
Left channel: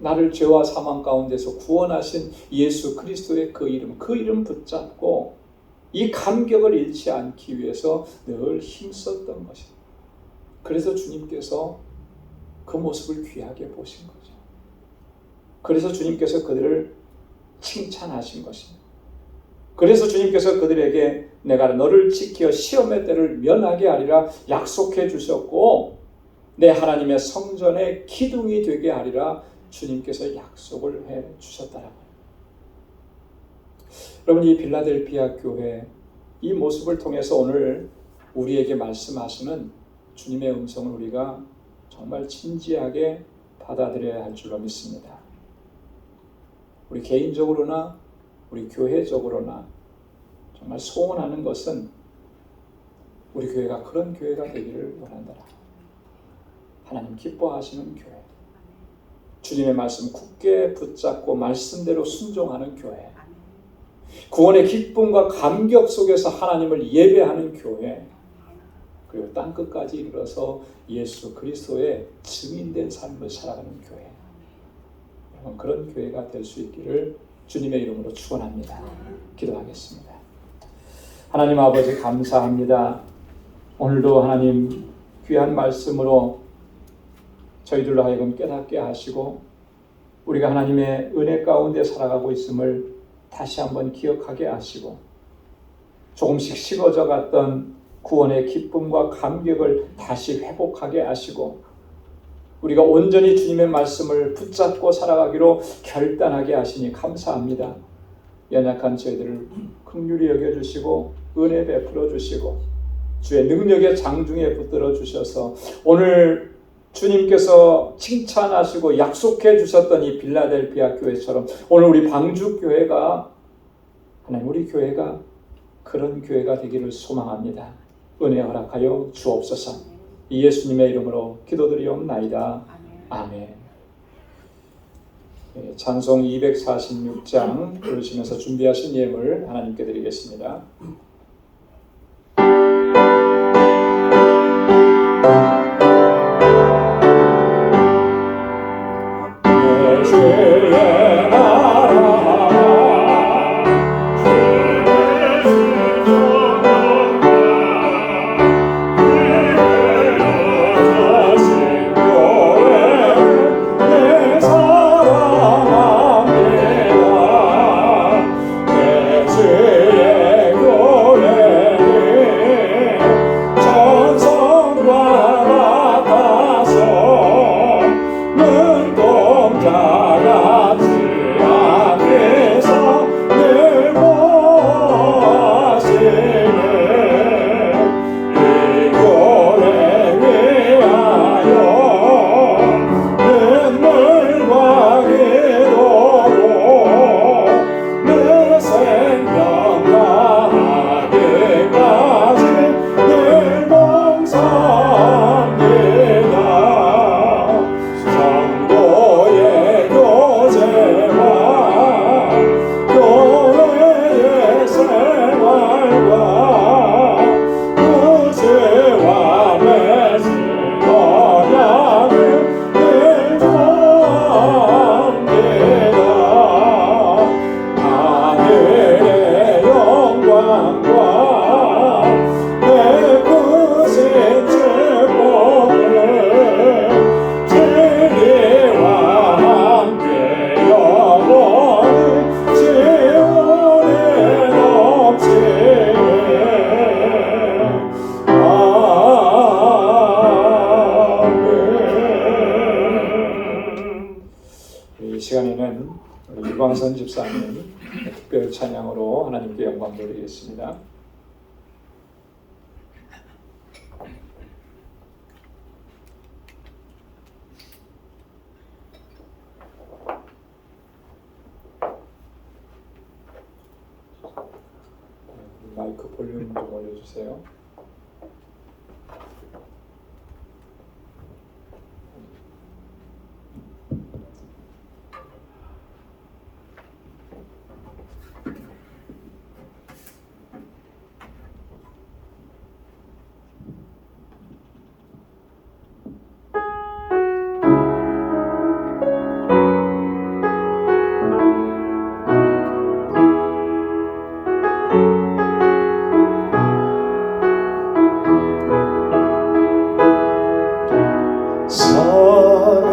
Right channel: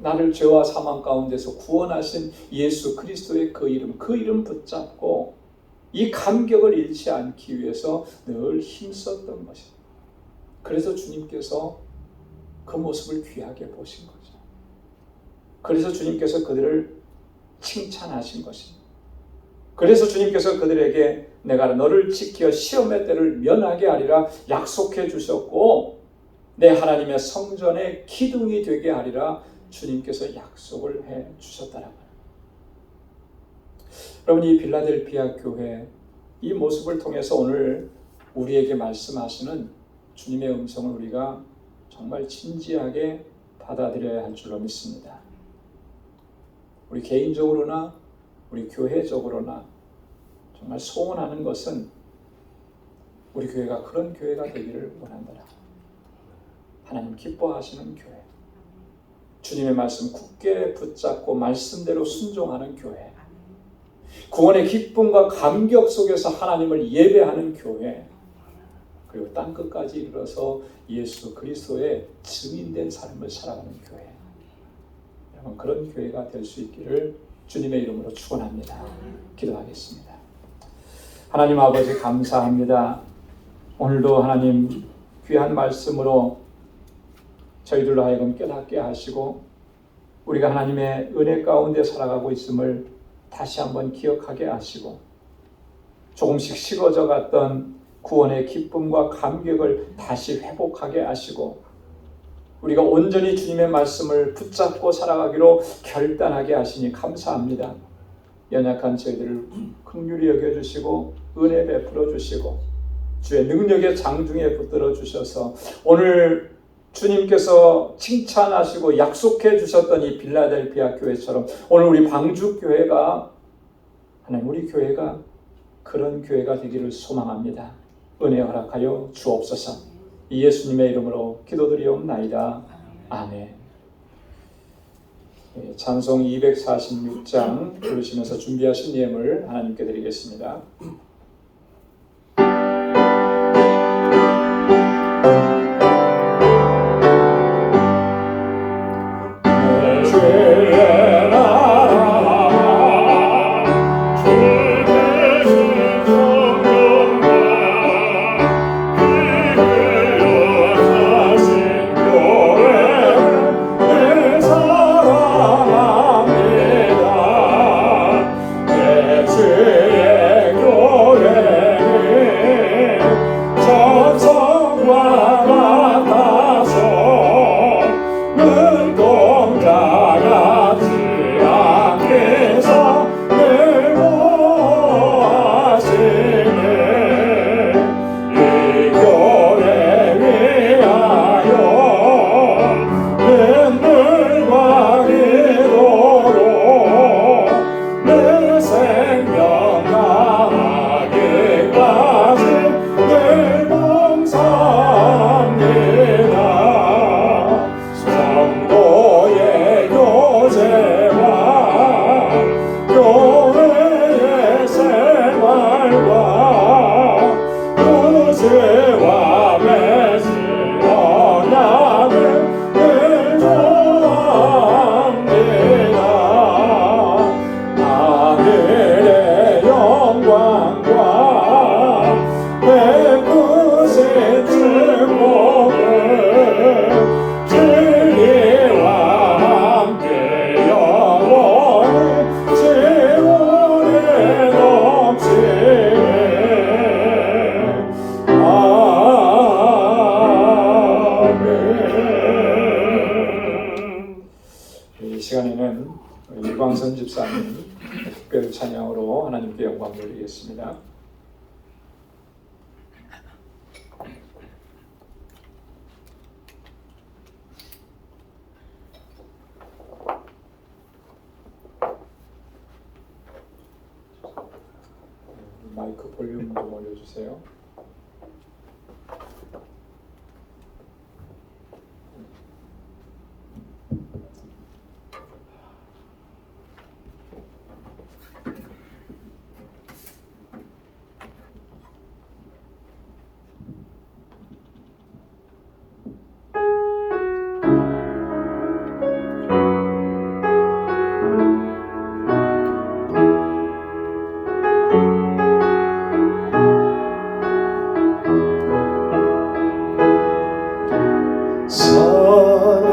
나를 죄와 사망 가운데서 구원하신 예수 그리스도의 그 이름 붙잡고 이 감격을 잃지 않기 위해서 늘 힘썼던 것입니다. 그래서 주님께서 그 모습을 귀하게 보신 거죠. 그래서 주님께서 그들을 칭찬하신 것입니다. 그래서 주님께서 그들에게 내가 너를 지켜 시험의 때를 면하게 하리라 약속해 주셨고 내 하나님의 성전의 기둥이 되게 하리라 주님께서 약속을 해 주셨다라고 합니다. 여러분, 이 빌라델피아 교회 이 모습을 통해서 오늘 우리에게 말씀하시는 주님의 음성을 우리가 정말 진지하게 받아들여야 할 줄로 믿습니다. 우리 개인적으로나 우리 교회적으로나 정말 소원하는 것은 우리 교회가 그런 교회가 되기를 원한다. 하나님 기뻐하시는 교회, 주님의 말씀 굳게 붙잡고 말씀대로 순종하는 교회, 구원의 기쁨과 감격 속에서 하나님을 예배하는 교회, 그리고 땅끝까지 이르러서 예수 그리스도의 증인된 삶을 살아가는 교회, 여러분 그런 교회가 될 수 있기를 주님의 이름으로 축원합니다. 기도하겠습니다. 하나님 아버지 감사합니다. 오늘도 하나님 귀한 말씀으로 저희들로 하여금 깨닫게 하시고 우리가 하나님의 은혜 가운데 살아가고 있음을 다시 한번 기억하게 하시고 조금씩 식어져 갔던 구원의 기쁨과 감격을 다시 회복하게 하시고 우리가 온전히 주님의 말씀을 붙잡고 살아가기로 결단하게 하시니 감사합니다. 연약한 저희들을 긍휼히 여겨주시고 은혜 베풀어 주시고 주의 능력의 장중에 붙들어 주셔서 오늘 주님께서 칭찬하시고 약속해 주셨던 이 빌라델피아 교회처럼 오늘 우리 방주교회가 하나님 우리 교회가 그런 교회가 되기를 소망합니다. 은혜 허락하여 주옵소서. 이 예수님의 이름으로 기도드리옵나이다. 아멘. 찬송 246장 부르시면서 준비하신 예물 하나님께 드리겠습니다. 주의 있는 우리 유광선 집사님 특별 찬양으로 하나님께 영광 돌리겠습니다. 마이크 볼륨 좀 올려주세요.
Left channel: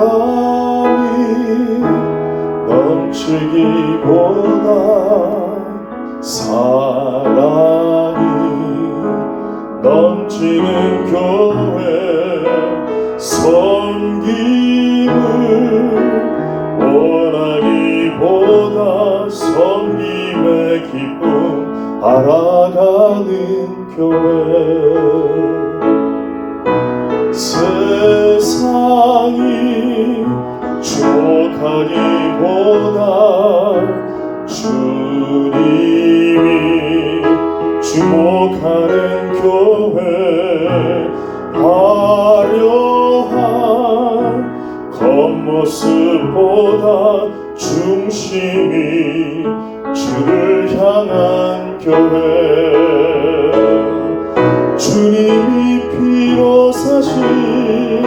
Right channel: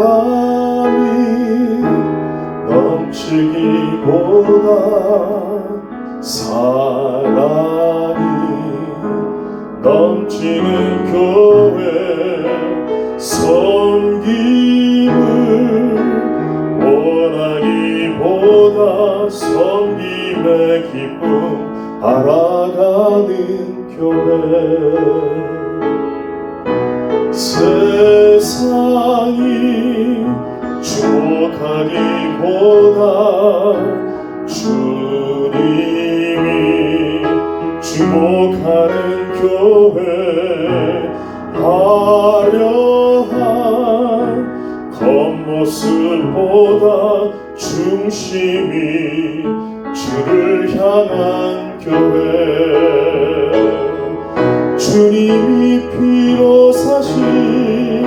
사랑이 넘치기보다 사랑이 넘치는 교회 섬김을 원하기보다 섬김의 기쁨 알아가는 교회 세상이 주목하기보다 주님이 주목하는 교회 화려한 겉모습보다 중심이 주를 향한 교회 주님이 피로 사신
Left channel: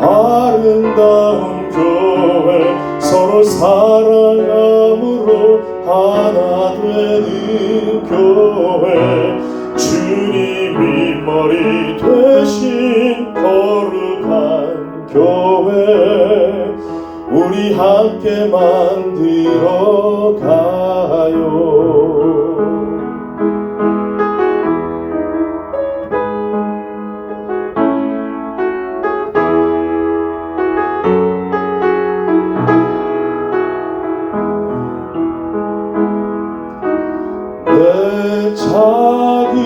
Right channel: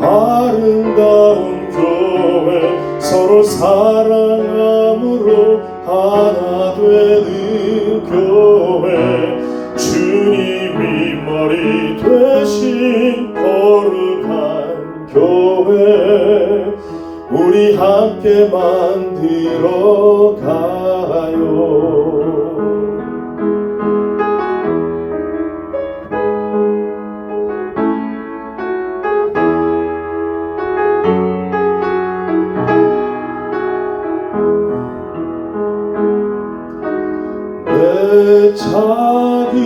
아름다운 교회 서로 사랑함으로 하나 되는 교회 주님이 머리 되신 거룩한 교회 우리 함께 만들어 가요. 내 작은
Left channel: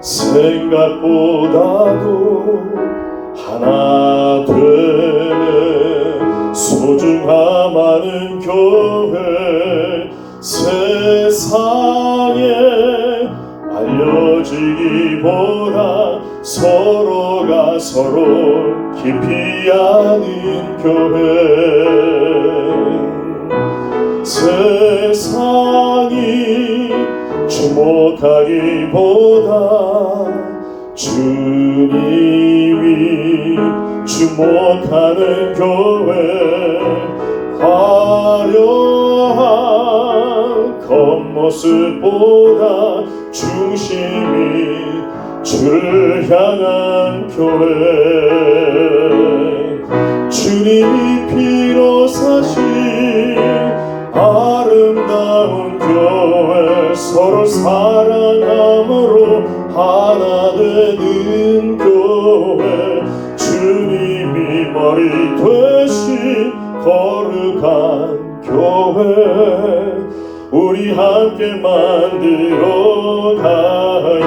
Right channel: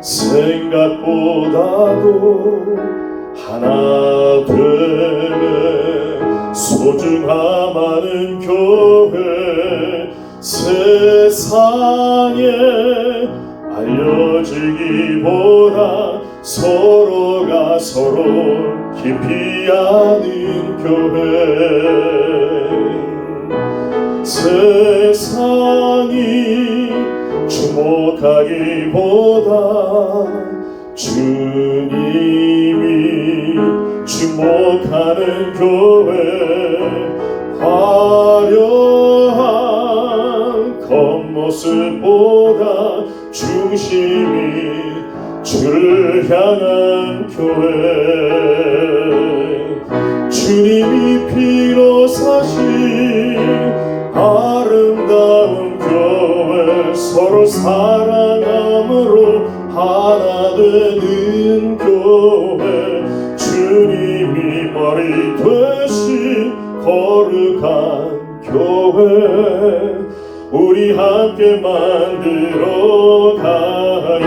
생각보다도 하나 되는 소중함 많은 교회 세상에 알려지기보다 서로가 서로 깊이 아는 교회 세상이 주목하기보다 주님이 주목하는 교회 화려한 겉모습보다 중심이 주를 향한 교회 주님이 피로 사신 아름다운 교회 서로 사랑함으로 하나 되는 교회 주님이 머리 되신 거룩한 교회 우리 함께 만들어 가요.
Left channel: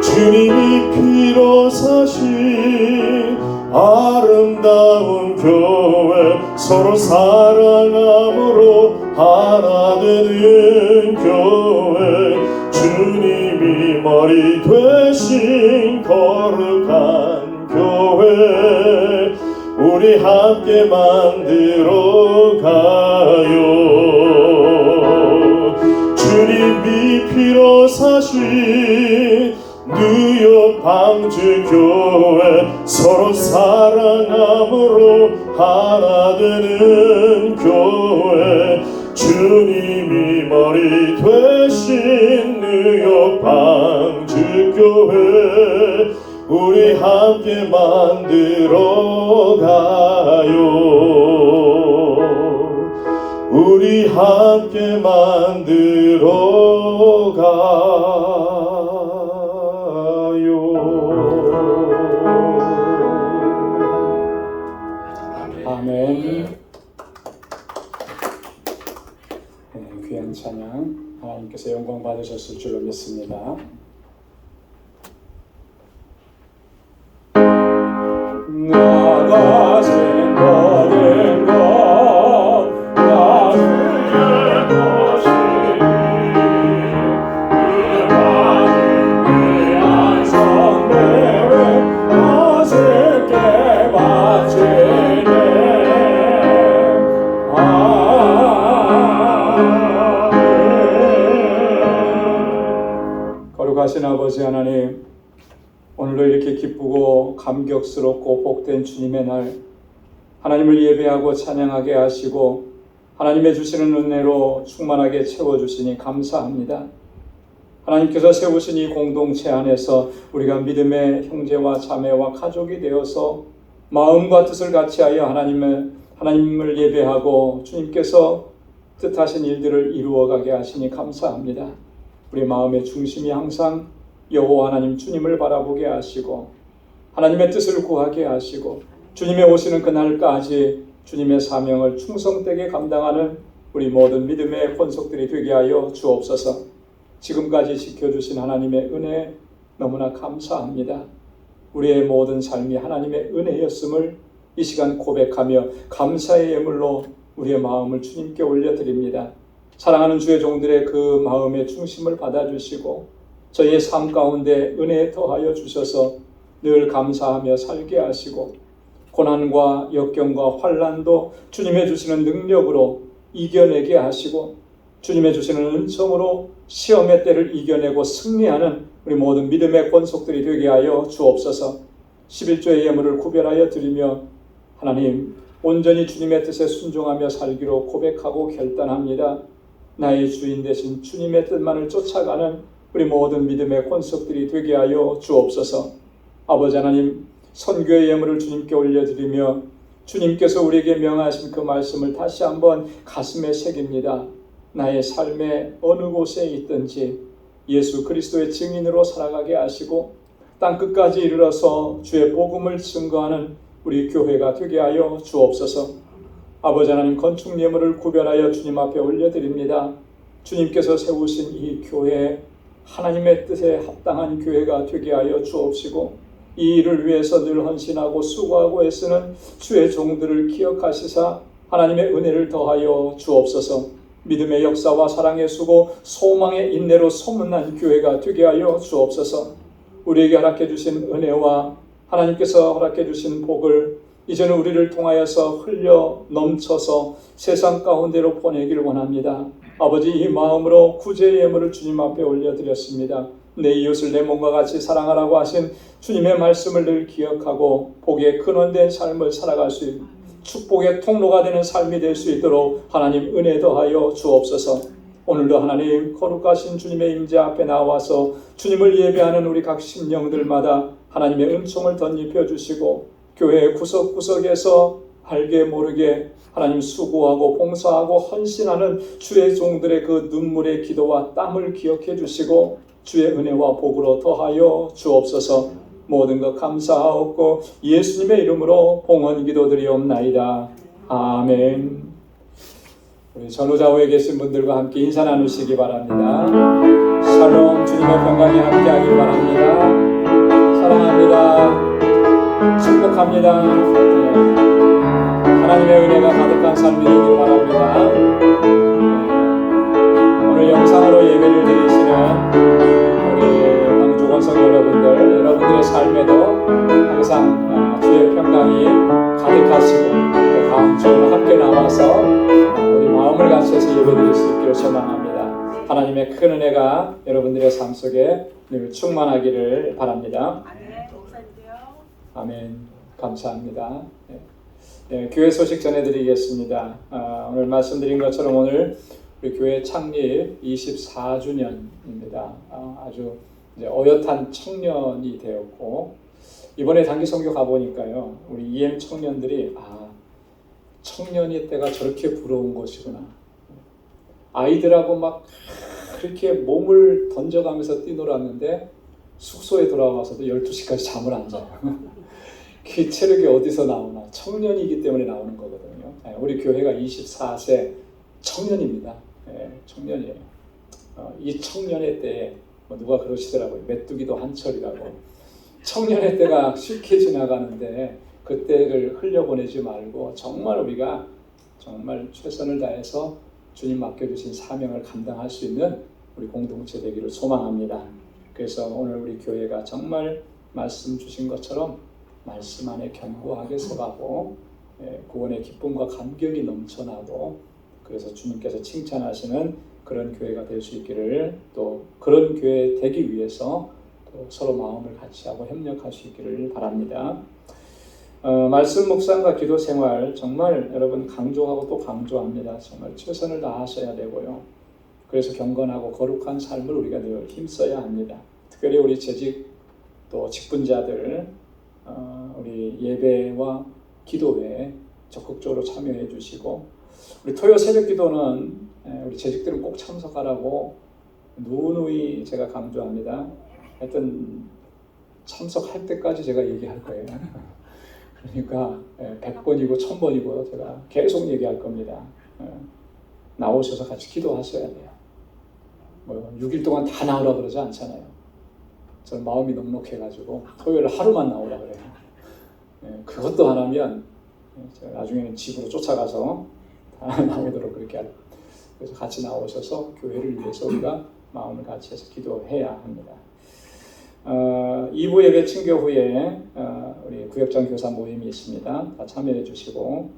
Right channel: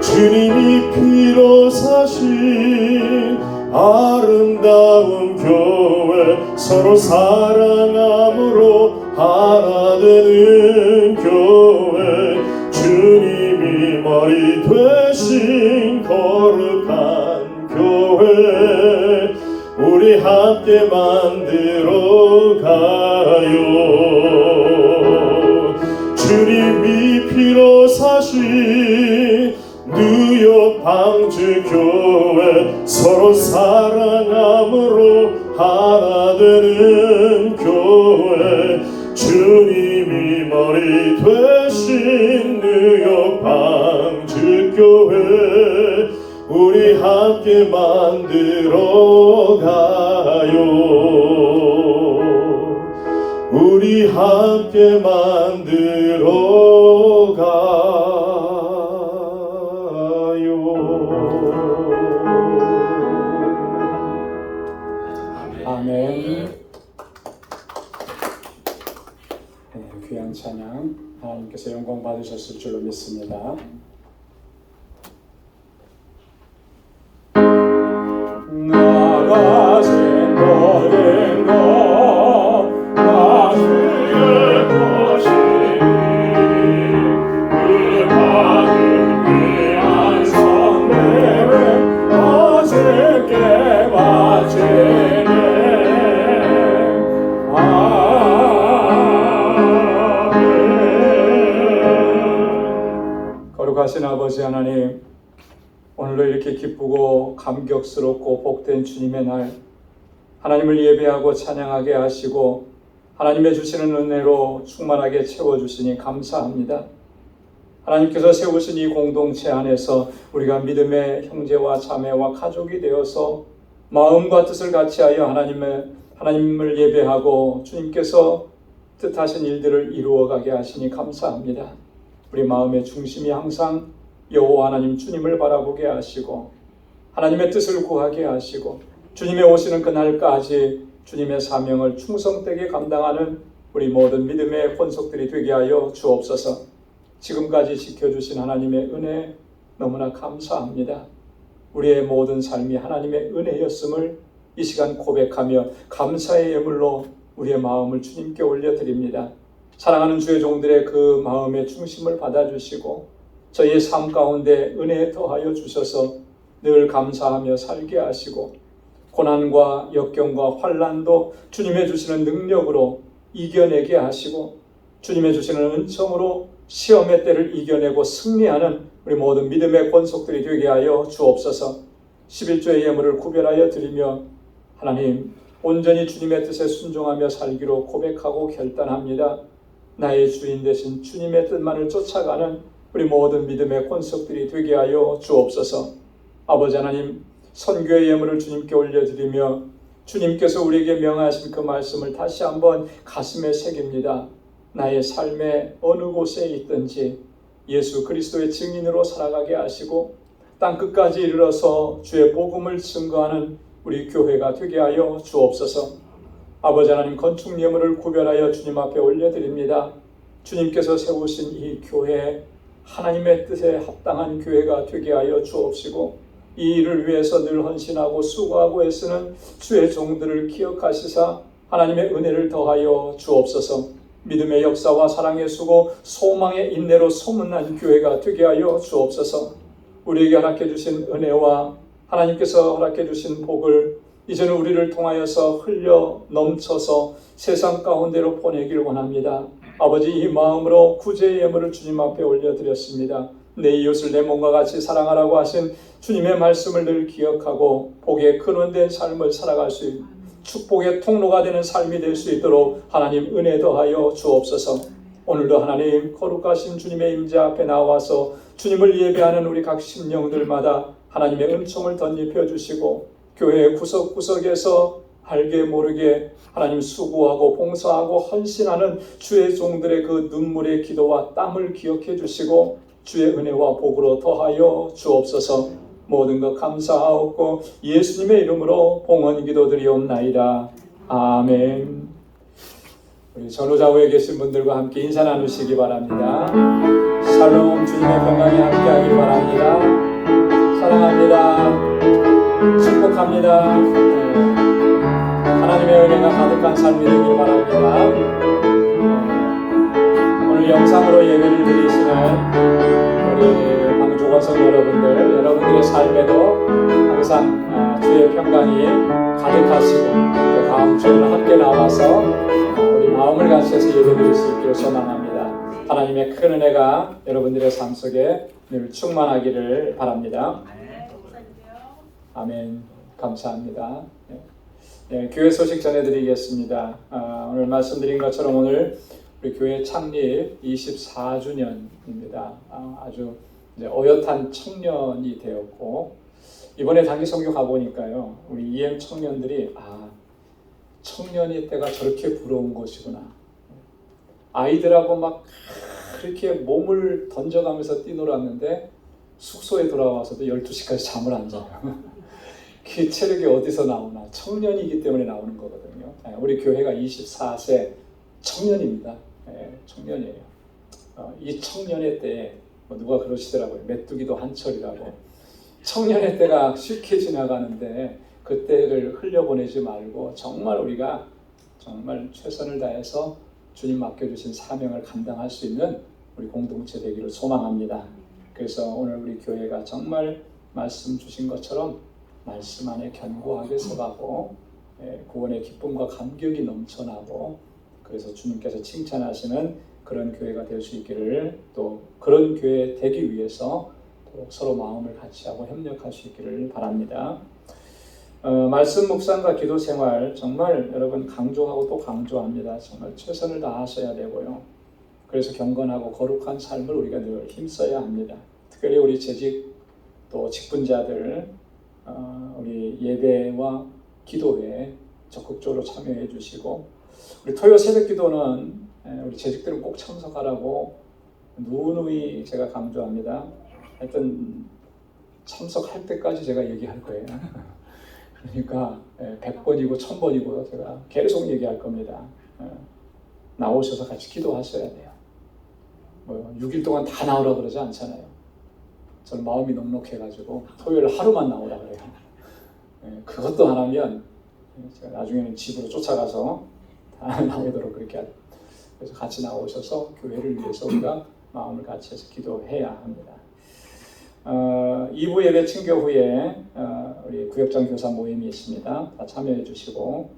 주님이 피로 사신 아름다운 교회 서로 사랑함으로 하나 되는 교회 주님이 머리 되신 거룩한 교회 우리 함께 만들어 가요. 주님이 피로 사신 뉴욕 방주교회 서로 사랑함으로 하나 되는 교회 주님이 머리 되신 뉴욕 방주교회 우리 함께 만들어 가요. 우리 함께 만들어 가요. 아멘. 귀한 찬양 하나님께서 영광 받으셨을 줄로 믿습니다. 나가신 모든 것 나 주의 것이니 그 많은 귀한 선물을 어색게 바치네. 거룩하신 아버지 하나님, 오늘도 이렇게 기쁘고 감격스럽고 복된 주님의 날, 하나님을 예배하고 찬양하게 하시고 하나님의 주시는 은혜로 충만하게 채워주시니 감사합니다. 하나님께서 세우신 이 공동체 안에서 우리가 믿음의 형제와 자매와 가족이 되어서 마음과 뜻을 같이하여 하나님을 예배하고 주님께서 뜻하신 일들을 이루어가게 하시니 감사합니다. 우리 마음의 중심이 항상 여호와 하나님 주님을 바라보게 하시고 하나님의 뜻을 구하게 하시고 주님의 오시는 그날까지 주님의 사명을 충성되게 감당하는 우리 모든 믿음의 권속들이 되게 하여 주옵소서. 지금까지 지켜주신 하나님의 은혜 너무나 감사합니다. 우리의 모든 삶이 하나님의 은혜였음을 이 시간 고백하며 감사의 예물로 우리의 마음을 주님께 올려드립니다. 사랑하는 주의 종들의 그 마음의 중심을 받아주시고 저희의 삶 가운데 은혜에 더하여 주셔서 늘 감사하며 살게 하시고 고난과 역경과 환난도 주님의 주시는 능력으로 이겨내게 하시고 주님의 주시는 은총으로 시험의 때를 이겨내고 승리하는 우리 모든 믿음의 권속들이 되게 하여 주옵소서. 11조의 예물을 구별하여 드리며 하나님 온전히 주님의 뜻에 순종하며 살기로 고백하고 결단합니다. 나의 주인 되신 주님의 뜻만을 쫓아가는 우리 모든 믿음의 권속들이 되게 하여 주옵소서. 아버지 하나님, 선교의 예물을 주님께 올려드리며 주님께서 우리에게 명하신 그 말씀을 다시 한번 가슴에 새깁니다. 나의 삶의 어느 곳에 있든지 예수 그리스도의 증인으로 살아가게 하시고 땅끝까지 이르러서 주의 복음을 증거하는 우리 교회가 되게 하여 주옵소서. 아버지 하나님, 건축 예물을 구별하여 주님 앞에 올려드립니다. 주님께서 세우신 이 교회, 하나님의 뜻에 합당한 교회가 되게 하여 주옵시고 이 일을 위해서 늘 헌신하고 수고하고 애쓰는 주의 종들을 기억하시사 하나님의 은혜를 더하여 주옵소서. 믿음의 역사와 사랑의 수고, 소망의 인내로 소문난 교회가 되게 하여 주옵소서. 우리에게 허락해 주신 은혜와 하나님께서 허락해 주신 복을 이제는 우리를 통하여서 흘려 넘쳐서 세상 가운데로 보내길 원합니다. 아버지, 이 마음으로 구제의 예물을 주님 앞에 올려드렸습니다. 내 이웃을 내 몸과 같이 사랑하라고 하신 주님의 말씀을 늘 기억하고 복의 근원된 삶을 살아갈 수 있는 축복의 통로가 되는 삶이 될 수 있도록 하나님 은혜 더하여 주옵소서. 오늘도 하나님 거룩하신 주님의 임재 앞에 나와서 주님을 예배하는 우리 각 심령들마다 하나님의 은총을 덧입혀 주시고 교회 구석구석에서 알게 모르게 하나님 수고하고 봉사하고 헌신하는 주의 종들의 그 눈물의 기도와 땀을 기억해 주시고 주의 은혜와 복으로 더하여 주옵소서. 모든 것 감사하옵고 예수님의 이름으로 봉헌 기도드리옵나이다. 아멘. 우리 전후좌우에 계신 분들과 함께 인사 나누시기 바랍니다. 샬롬, 주님의 평강이 함께하길 바랍니다. 사랑합니다. 축복합니다. 하나님의 은혜가 가득한 삶이 되길 바랍니다. 오늘 영상으로 예배를 드리시는 우리 방주원성 여러분들의 삶에도 항상 주의 평강이 가득하시고 또 다음 주에는 함께 나와서 우리 마음을 같이해서 예배드릴 수 있기를 소망합니다. 하나님의 큰 은혜가 여러분들의 삶 속에 늘 충만하기를 바랍니다. 아멘. 감사합니다. 교회 소식 전해드리겠습니다. 오늘 말씀드린 것처럼 오늘 우리 교회 창립 24주년입니다. 아주 어엿한 청년이 되었고 이번에 단기 선교 가보니까요, 우리 EM 청년들이 청년이 때가 저렇게 부러운 것이구나. 아이들하고 막 그렇게 몸을 던져가면서 뛰놀았는데 숙소에 돌아와서도 12시까지 잠을 안 자요. 그 체력이 어디서 나오나? 청년이기 때문에 나오는 거거든요. 우리 교회가 24세 청년입니다. 청년이에요. 이 청년의 때에 누가 그러시더라고요. 메뚜기도 한철이라고. 청년의 때가 쉽게 지나가는데 그 때를 흘려보내지 말고 정말 우리가 정말 최선을 다해서 주님 맡겨주신 사명을 감당할 수 있는 우리 공동체 되기를 소망합니다. 그래서 오늘 우리 교회가 정말 말씀 주신 것처럼 말씀 안에 견고하게 서가고 구원의 기쁨과 감격이 넘쳐나고 그래서 주님께서 칭찬하시는 그런 교회가 될 수 있기를, 또 그런 교회 되기 위해서 또 서로 마음을 같이 하고 협력할 수 있기를 바랍니다. 말씀 묵상과 기도 생활 정말 여러분 강조하고 또 강조합니다. 정말 최선을 다하셔야 되고요. 그래서 경건하고 거룩한 삶을 우리가 늘 힘써야 합니다. 특별히 우리 재직 또 직분자들 우리 예배와 기도에 적극적으로 참여해 주시고, 우리 토요 새벽 기도는 우리 재직들은 꼭 참석하라고 누누이 제가 강조합니다. 하여튼 참석할 때까지 제가 얘기할 거예요. 그러니까 100번이고 1000번이고 제가 계속 얘기할 겁니다. 나오셔서 같이 기도하셔야 돼요. 6일 동안 다 나오라 그러지 않잖아요. 저는 마음이 넉넉해가지고 토요일 하루만 나오라 그래요. 그것도 안 하면 제가 나중에는 집으로 쫓아가서 다 나오도록 그렇게 할게요. 그래서 같이 나오셔서 교회를 위해서 우리가 마음을 같이 해서 기도해야 합니다. 2부 예배 친교 후에 우리 구역장 교사 모임이 있습니다. 다 참여해 주시고,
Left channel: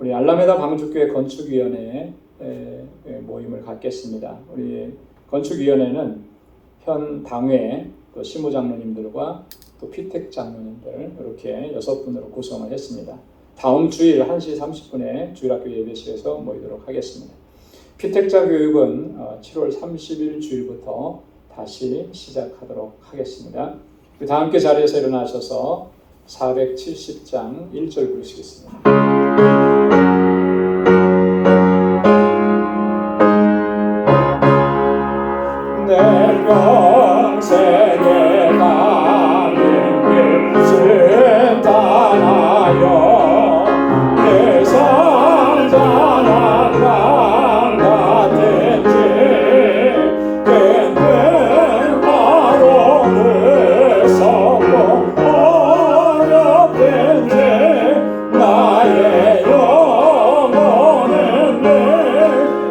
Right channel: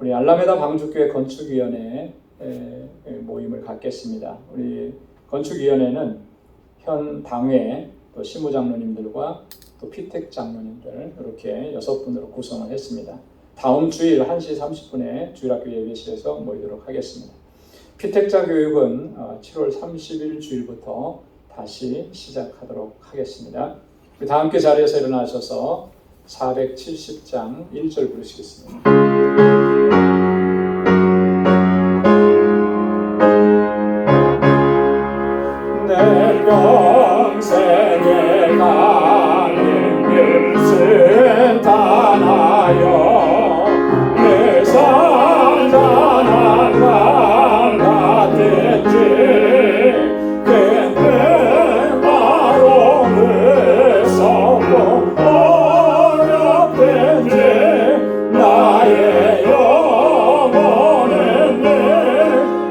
우리 알라메다 방주교회 건축위원회 모임을 갖겠습니다. 우리 건축위원회는 현 당회 또 시무장로님들과 또 피택 장로님들 이렇게 6분으로 구성을 했습니다. 다음 주일 1시 30분에 주일학교 예배실에서 모이도록 하겠습니다. 피택자 교육은 7월 30일 주일부터 다시 시작하도록 하겠습니다. 다 함께 자리에서 일어나셔서 470장 1절 부르시겠습니다. 내 평생에 가는 길 순탄하여 내 산산한 강 같은지 끈끈 바로를 섞고 어렵든지 나의 영혼은 늘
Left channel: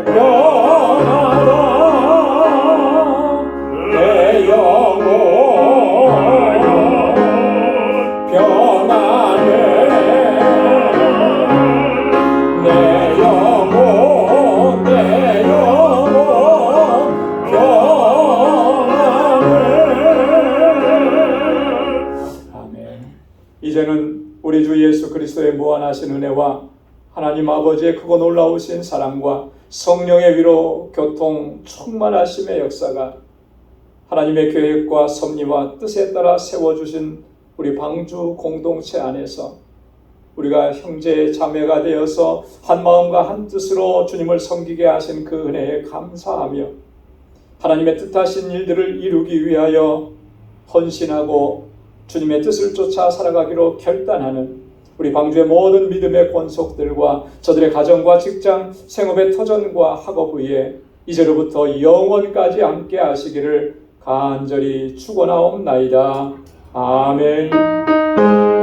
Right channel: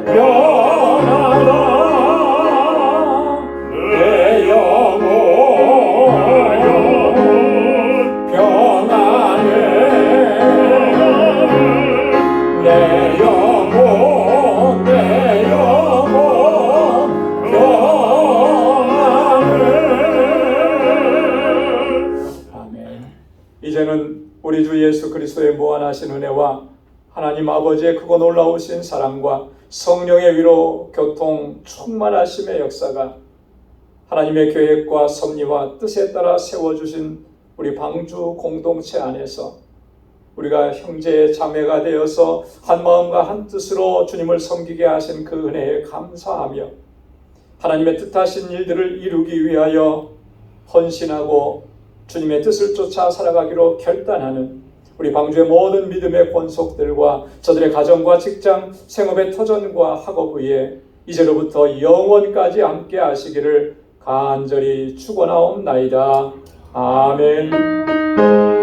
변하다. 내 영혼 변하네. 내 영혼 변하네. 아멘. 이제는 우리 주 예수 그리스도의 무한하신 은혜와 하나님 아버지의 크고 놀라우신 사랑과 성령의 위로 교통 충만하심의 역사가 하나님의 계획과 섭리와 뜻에 따라 세워주신 우리 방주 공동체 안에서 우리가 형제 자매가 되어서 한 마음과 한 뜻으로 주님을 섬기게 하신 그 은혜에 감사하며 하나님의 뜻하신 일들을 이루기 위하여 헌신하고 주님의 뜻을 쫓아 살아가기로 결단하는 우리 방주의 모든 믿음의 권속들과 저들의 가정과 직장, 생업의 터전과 학업 위에 이제로부터 영원까지 함께 하시기를 간절히 축원하옵나이다. 아멘.